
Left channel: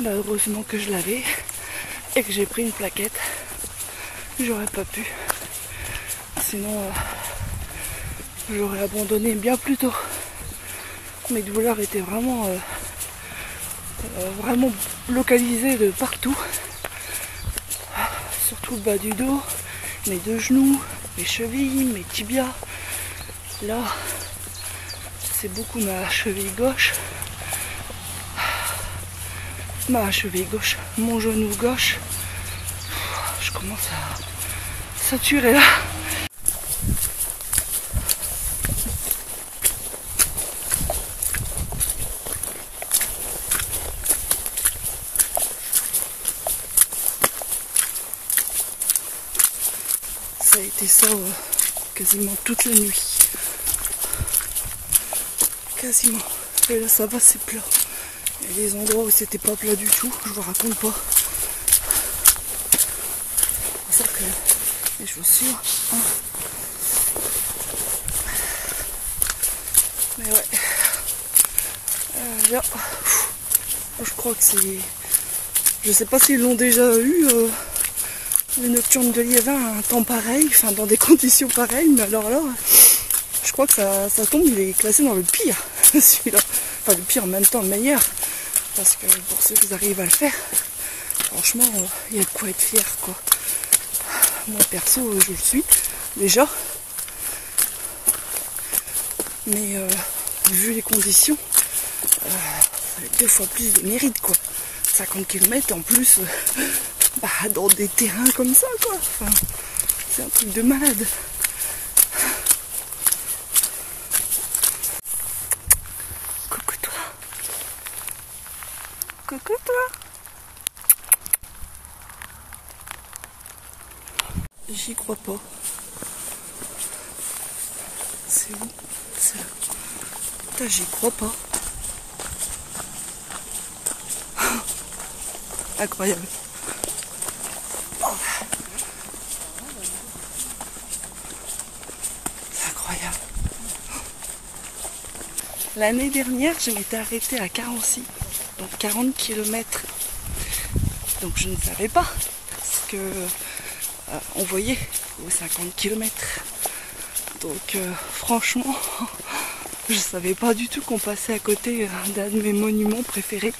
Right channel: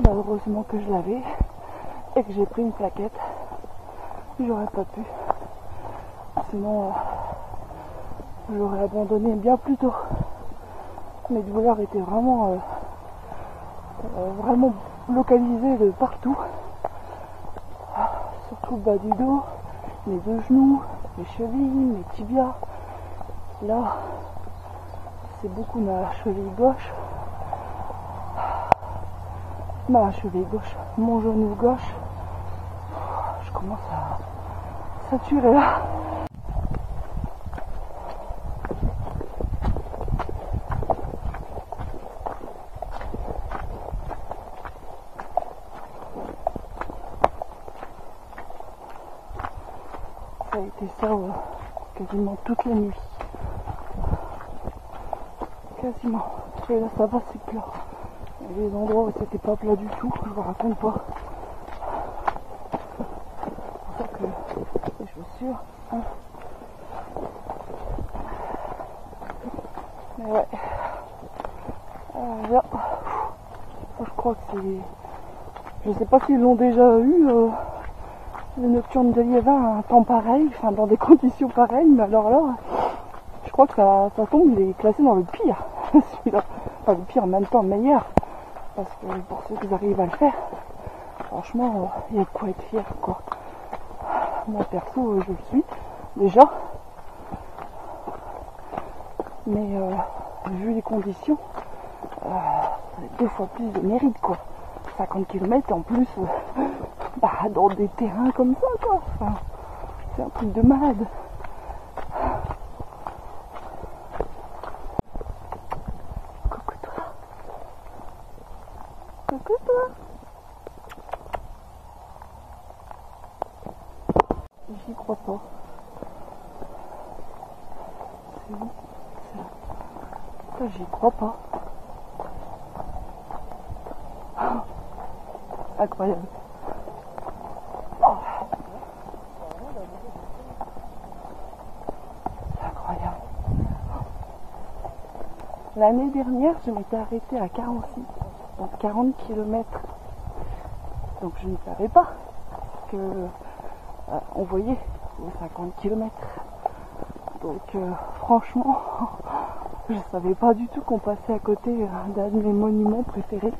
Bah, heureusement que je l'avais et que j'ai pris une plaquette. J'aurais pas pu. Sinon, j'aurais abandonné bien plus tôt. Mes douleurs étaient vraiment localisées de partout. Surtout le bas du dos, mes deux genoux, mes chevilles, mes tibias. Là, c'est beaucoup ma cheville gauche. Mon genou gauche. Je commence à saturer là. Ça a été ça quasiment toute la nuit. Quasiment. Et là ça va, c'est plat. Il y a des endroits où c'était pas plat du tout, je vous raconte pas. C'est pour ça que les chaussures. Hein. Mais ouais. Là, je crois que c'est. Je sais pas s'ils l'ont déjà eu. Le nocturne de Liévin, un temps pareil, enfin dans des conditions pareilles, mais alors là, je crois que ça tombe, il est classé dans le pire, celui-là. Enfin le pire en même temps le meilleur, parce que pour ceux qui arrivent à le faire, franchement, il y a de quoi être fier, quoi. Moi perso, je le suis, déjà. Mais vu les conditions, ça va être 2 fois plus de mérite, quoi. 50 km en plus... dans des terrains comme ça, quoi. Enfin, c'est un truc de malade. Coucou toi. Coucou toi. J'y crois pas. C'est où? C'est là. Putain, j'y crois pas. Incroyable. L'année dernière, je m'étais arrêtée à Carency, donc 40 km. Donc je ne savais pas ce que on voyait aux 50 km. Donc franchement, je ne savais pas du tout qu'on passait à côté d'un de mes monuments préférés.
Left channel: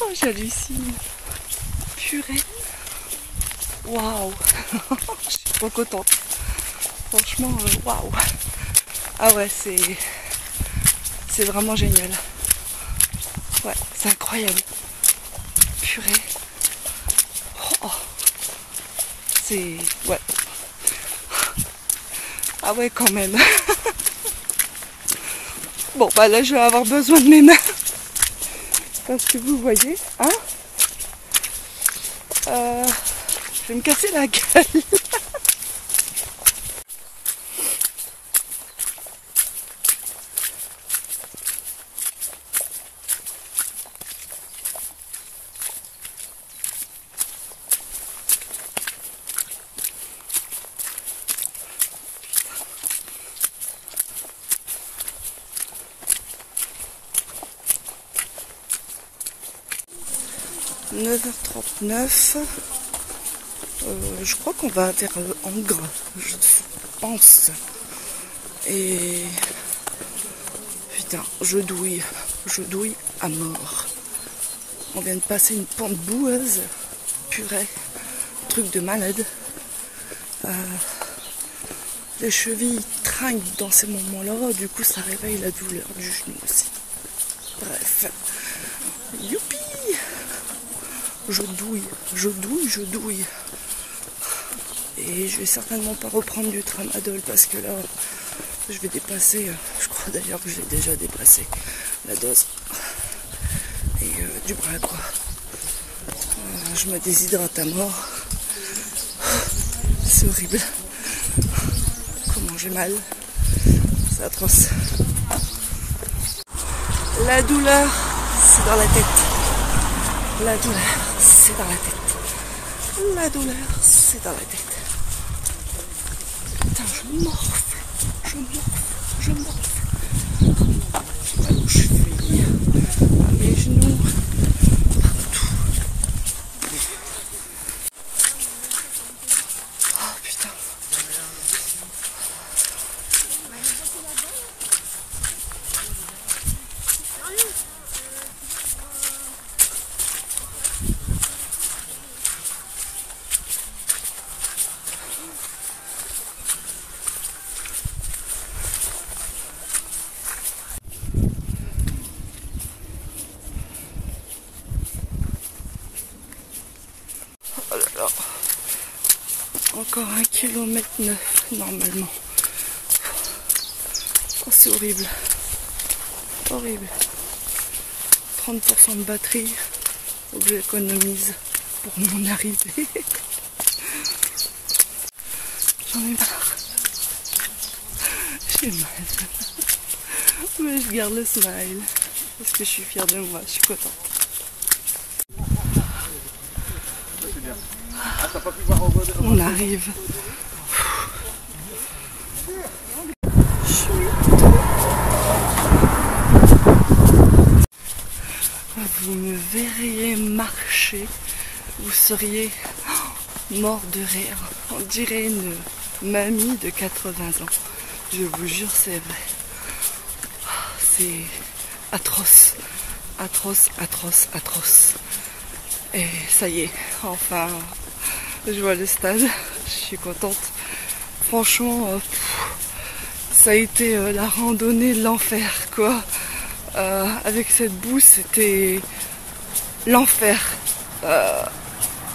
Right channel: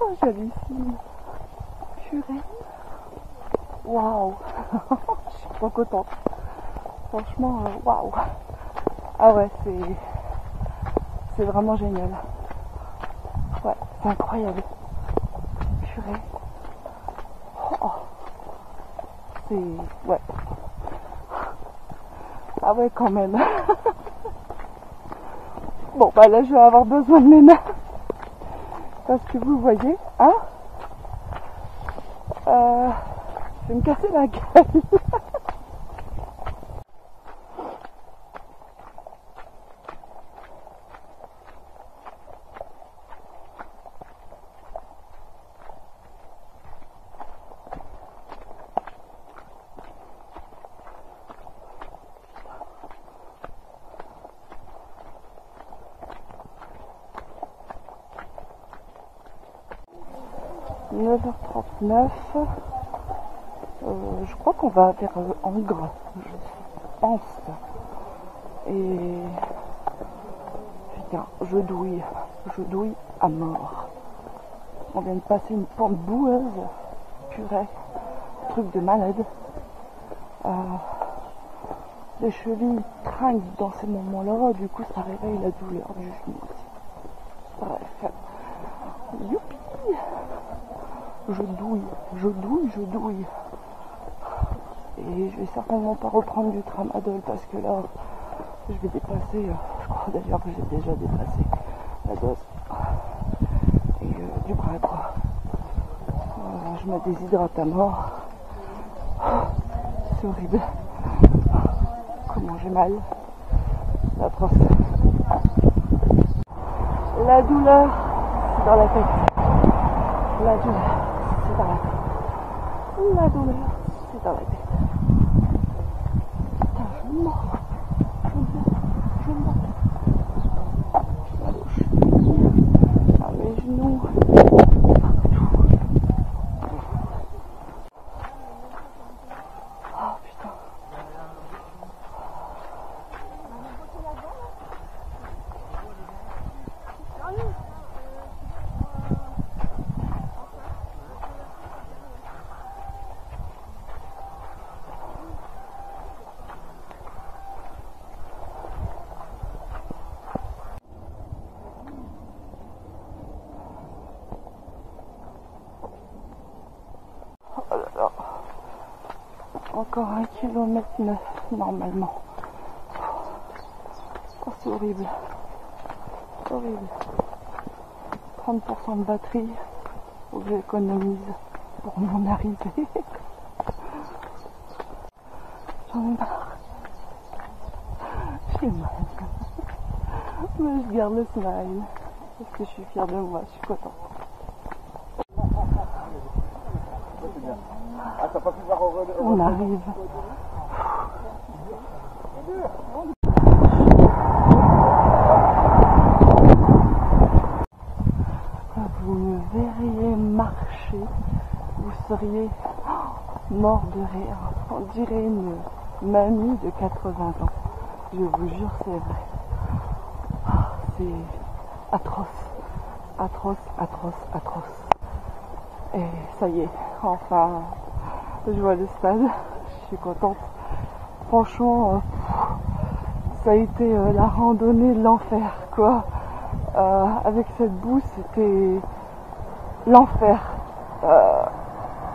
Oh, j'hallucine. Purée. Waouh. Je suis trop contente. Franchement, waouh! Ah ouais, c'est vraiment génial. Ouais, c'est incroyable. Purée. Oh, c'est... Ouais. Ah ouais, quand même. Bon, bah là, je vais avoir besoin de mes mains. Parce que vous voyez, hein? Je vais me casser la gueule. 9h39. Je crois qu'on va vers Angres, je pense. Et putain, je douille à mort. On vient de passer une pente boueuse, purée, truc de malade. Les chevilles trinquent dans ces moments-là, du coup ça réveille la douleur du genou aussi. Bref, youpi! Je douille. Et je vais certainement pas reprendre du tramadol parce que là, je vais dépasser, je crois d'ailleurs que j'ai déjà dépassé la dose. Et du bras quoi. Je me déshydrate à mort. C'est horrible. Comment j'ai mal. C'est atroce. La douleur, c'est dans la tête. La douleur, c'est dans la tête. La douleur, c'est dans la tête. Putain, je morfle. J'ai mal aux chevilles, à mes genoux, partout. Oh putain. Oh là là. Encore 1,9 km normalement. Oh, c'est horrible. Horrible. 30% de batterie. Faut que j'économise pour mon arrivée. J'en ai marre. J'ai mal. Mais je garde le smile. Parce que je suis fière de moi. Je suis contente. On arrive. Vous me verriez marcher, vous seriez mort de rire. On dirait une mamie de 80 ans. Je vous jure, c'est vrai. C'est atroce. Atroce. Et ça y est, enfin, je vois le stade. Je suis contente. Franchement, ça a été la randonnée de l'enfer, quoi. Avec cette boue, c'était l'enfer.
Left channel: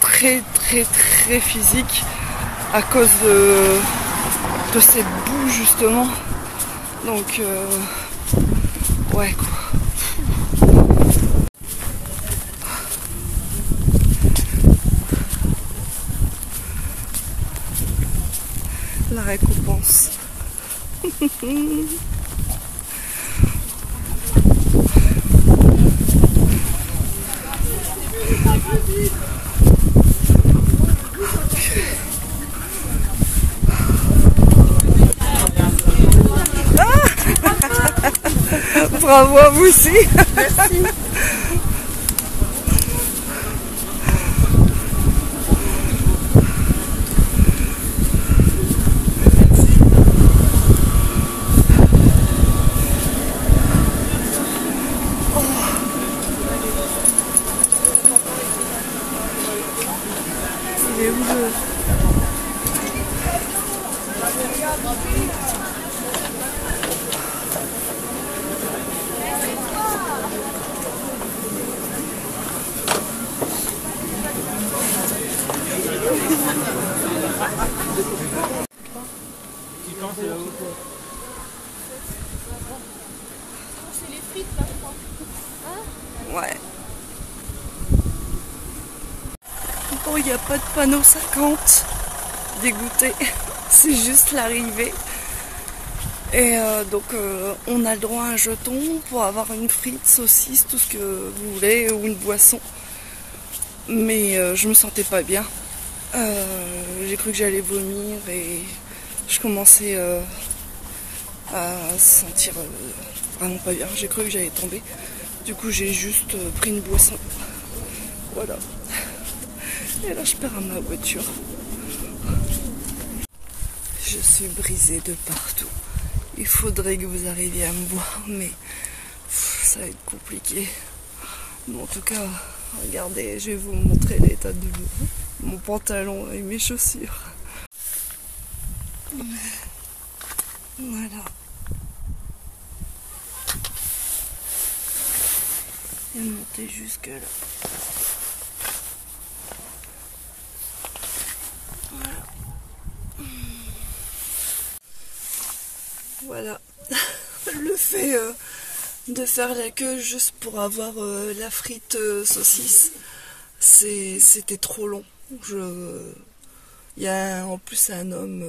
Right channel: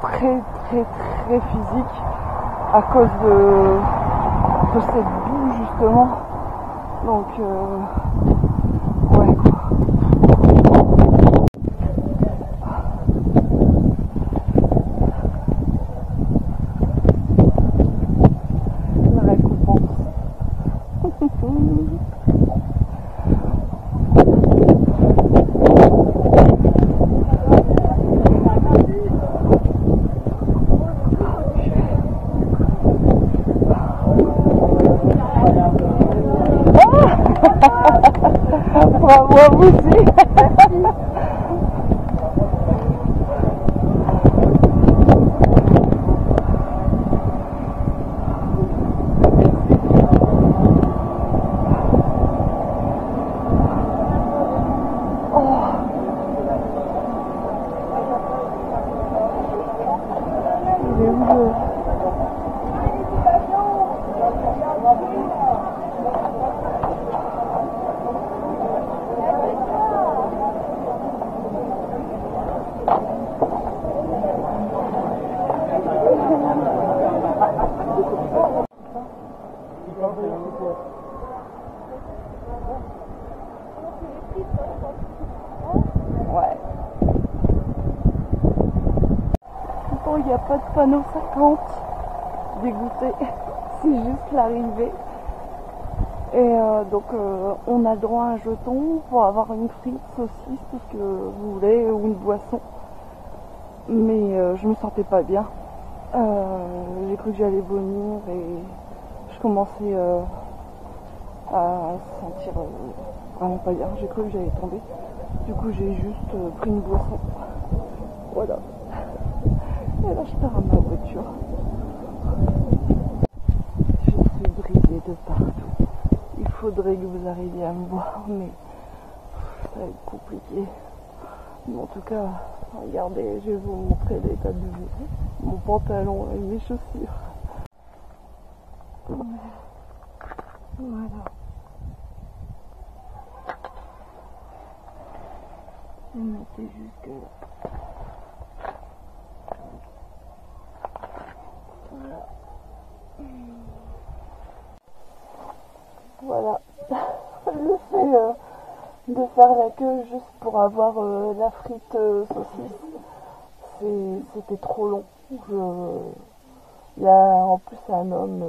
Très physique à cause de cette boue, justement. Donc, ouais, quoi. La récompense. Bravo à vous aussi. Merci. Il est où le... Ouais. Bon, il n'y a pas de panneau 50. Dégoûté. C'est juste l'arrivée. Et donc on a le droit à un jeton pour avoir une frite, saucisse, tout ce que vous voulez, ou une boisson. Mais je me sentais pas bien. J'ai cru que j'allais vomir et je commençais à sentir vraiment pas bien. J'ai cru que j'allais tomber. Du coup j'ai juste pris une boisson Voilà. Et là, je pars à ma voiture. Je suis brisée de partout. Il faudrait que vous arriviez à me voir, mais ça va être compliqué. Mais en tout cas, regardez, je vais vous montrer l'état de mon pantalon et mes chaussures. Voilà. Et monter jusque là. Voilà. Voilà. Le fait de faire la queue juste pour avoir la frite saucisse, c'était trop long. Il y a en plus un homme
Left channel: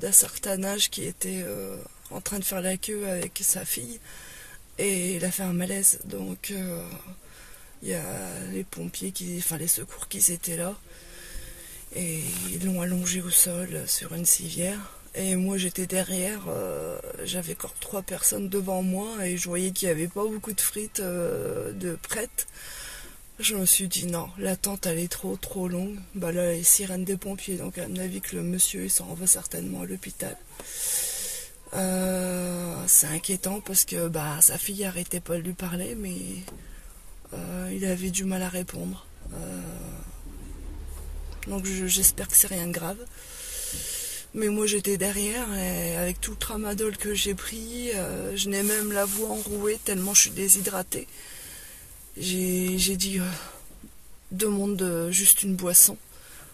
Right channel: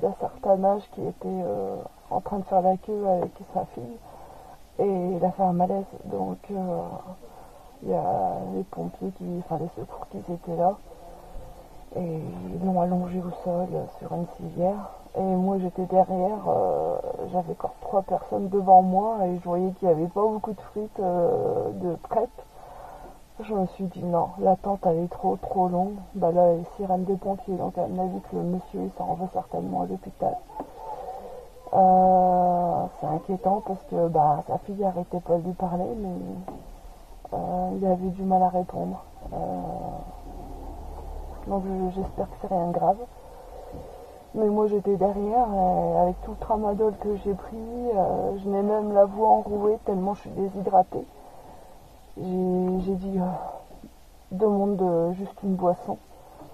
d'un certain âge qui était en train de faire la queue avec sa fille et il a fait un malaise. Donc il y a les pompiers, enfin les secours qui étaient là et ils l'ont allongé au sol sur une civière. Et moi j'étais derrière, j'avais encore 3 personnes devant moi et je voyais qu'il n'y avait pas beaucoup de frites de prêtes. Je me suis dit non, l'attente elle est trop longue. Bah là les sirènes des pompiers, donc à mon avis que le monsieur il s'en va certainement à l'hôpital. C'est inquiétant parce que bah sa fille arrêtait pas de lui parler, mais il avait du mal à répondre. Donc j'espère que c'est rien de grave. Mais moi j'étais derrière et avec tout le tramadol que j'ai pris, je n'ai même la voix enrouée tellement je suis déshydratée. J'ai dit demande juste une boisson.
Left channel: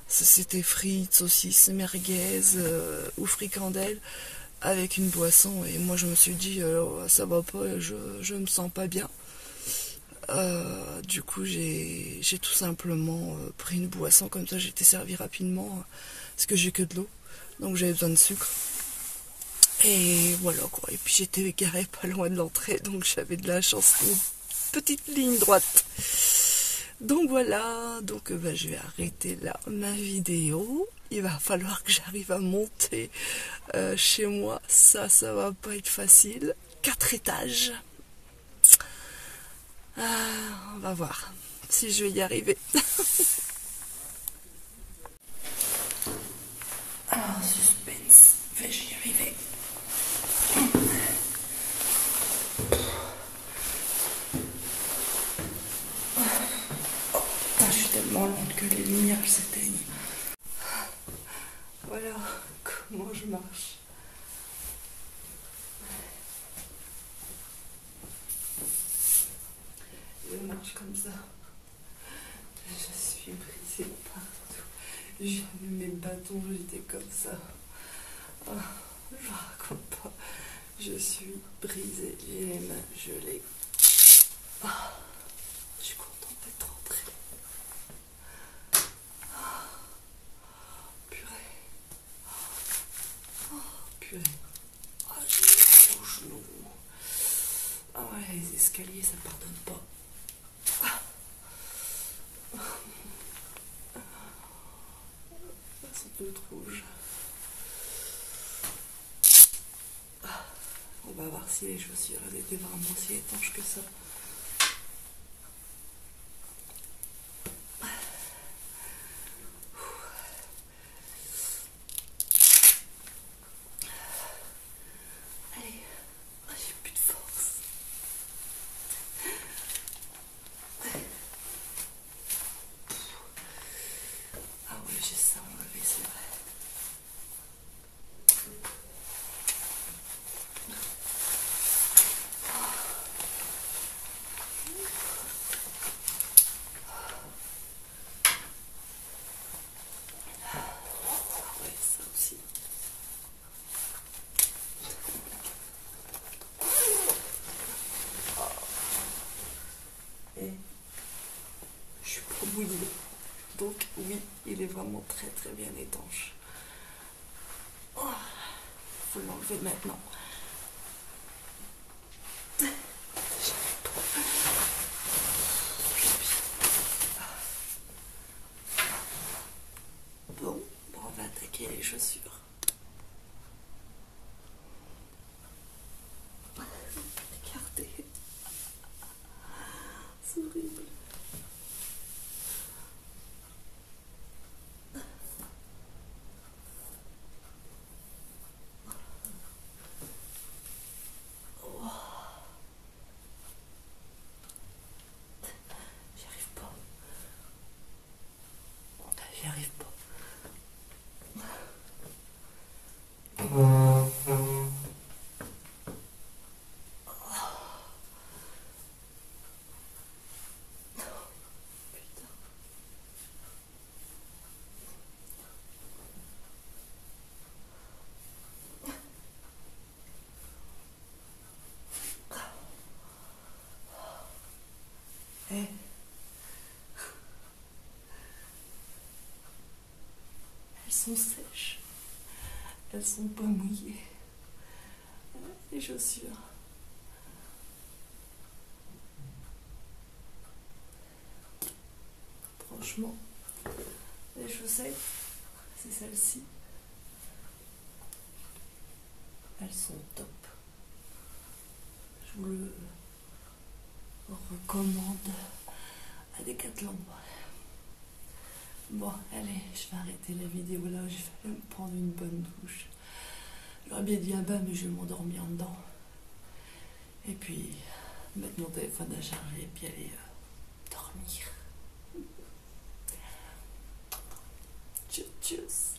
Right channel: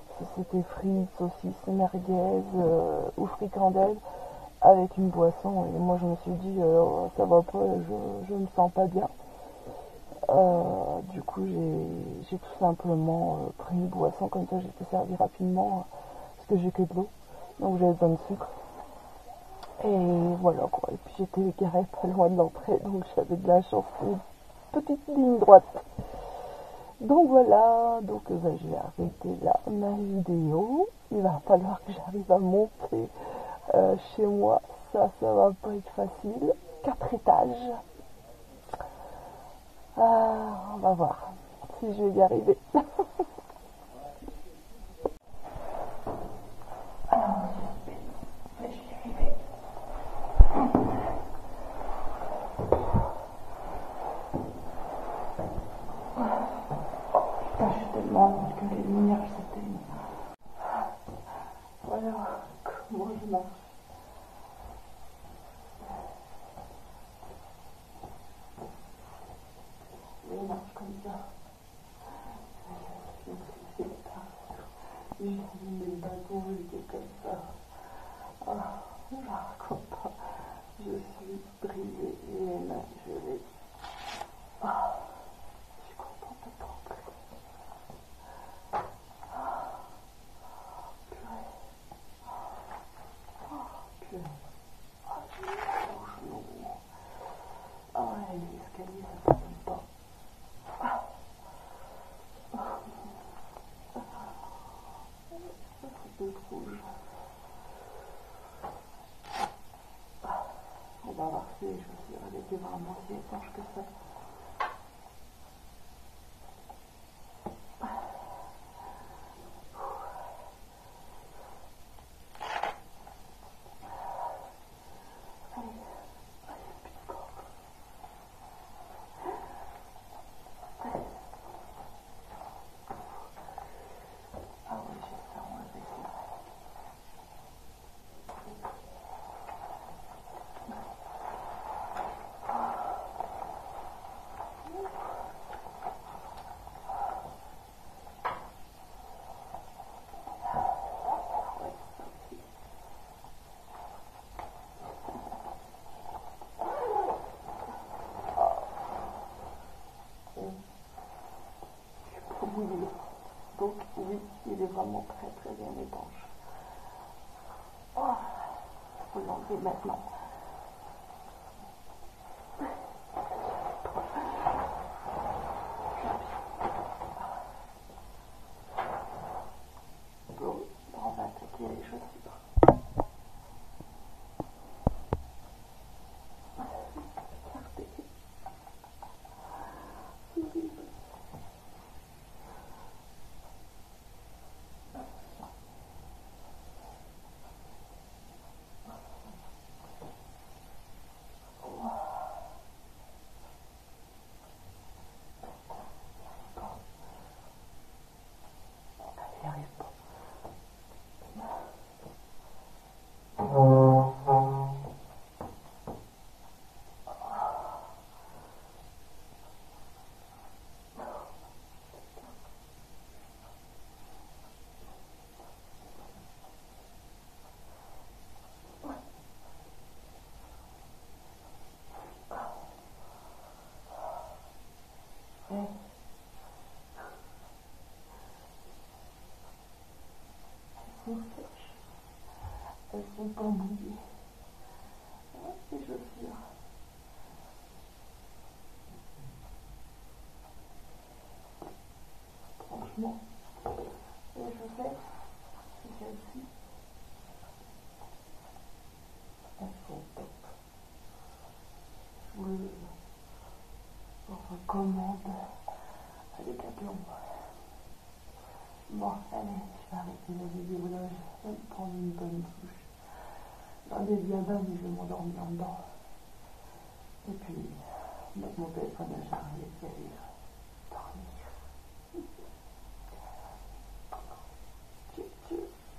C'était frites, saucisses, merguez ou fricandelles avec une boisson. Et moi je me suis dit ça va pas, je me sens pas bien. Du coup j'ai tout simplement pris une boisson, comme ça j'ai été servie rapidement parce que j'ai que de l'eau. Donc j'avais besoin de sucre. Et voilà quoi. Et puis j'étais garée pas loin de l'entrée, donc j'avais de la chance. Une petite ligne droite. Donc voilà, donc je vais arrêter là ma vidéo. Il va falloir que j'arrive à monter chez moi. Ça va pas être facile. 4 étages. On va voir si je vais y arriver. Alors, suspense, vais-je y arriver? Oh putain, je suis tellement lente que les lumières s'éteignent. Voilà comment je marche. Je marche comme ça. Je suis brisée partout. J'ai mis mes bâtons, j'étais comme ça. Oh, je raconte pas. Je suis brisée. J'ai les mains gelées. Oh, je suis contente d'être rentrée. Purée. Oh, purée. Oh, j'ai mal au genou. Ah ouais, les escaliers, ça pardonne pas. C'est toute rouge. On va voir si les chaussures étaient vraiment si étanches que ça. Allez, j'ai plus de force. Ah oui, j'ai ça enlevé, c'est vrai. Ouais, ça aussi. Et je suis pas mouillée. Donc oui, il est vraiment très bien étanche. Oh, faut l'enlever maintenant. Bon, on va attaquer les chaussures. Regardez. C'est horrible. sont sèches. Elles sont pas mouillées. Ouais, les chaussures. Franchement, les chaussettes, c'est celles-ci. Elles sont top. Je vous le recommande à Decathlon. Bon, allez, je vais arrêter la vidéo là, je vais me prendre une bonne douche. J'aurais bien dit un bain, mais je vais m'endormir dedans. Et puis, mettre mon téléphone à charger et puis aller dormir. Tchuss, tchuss.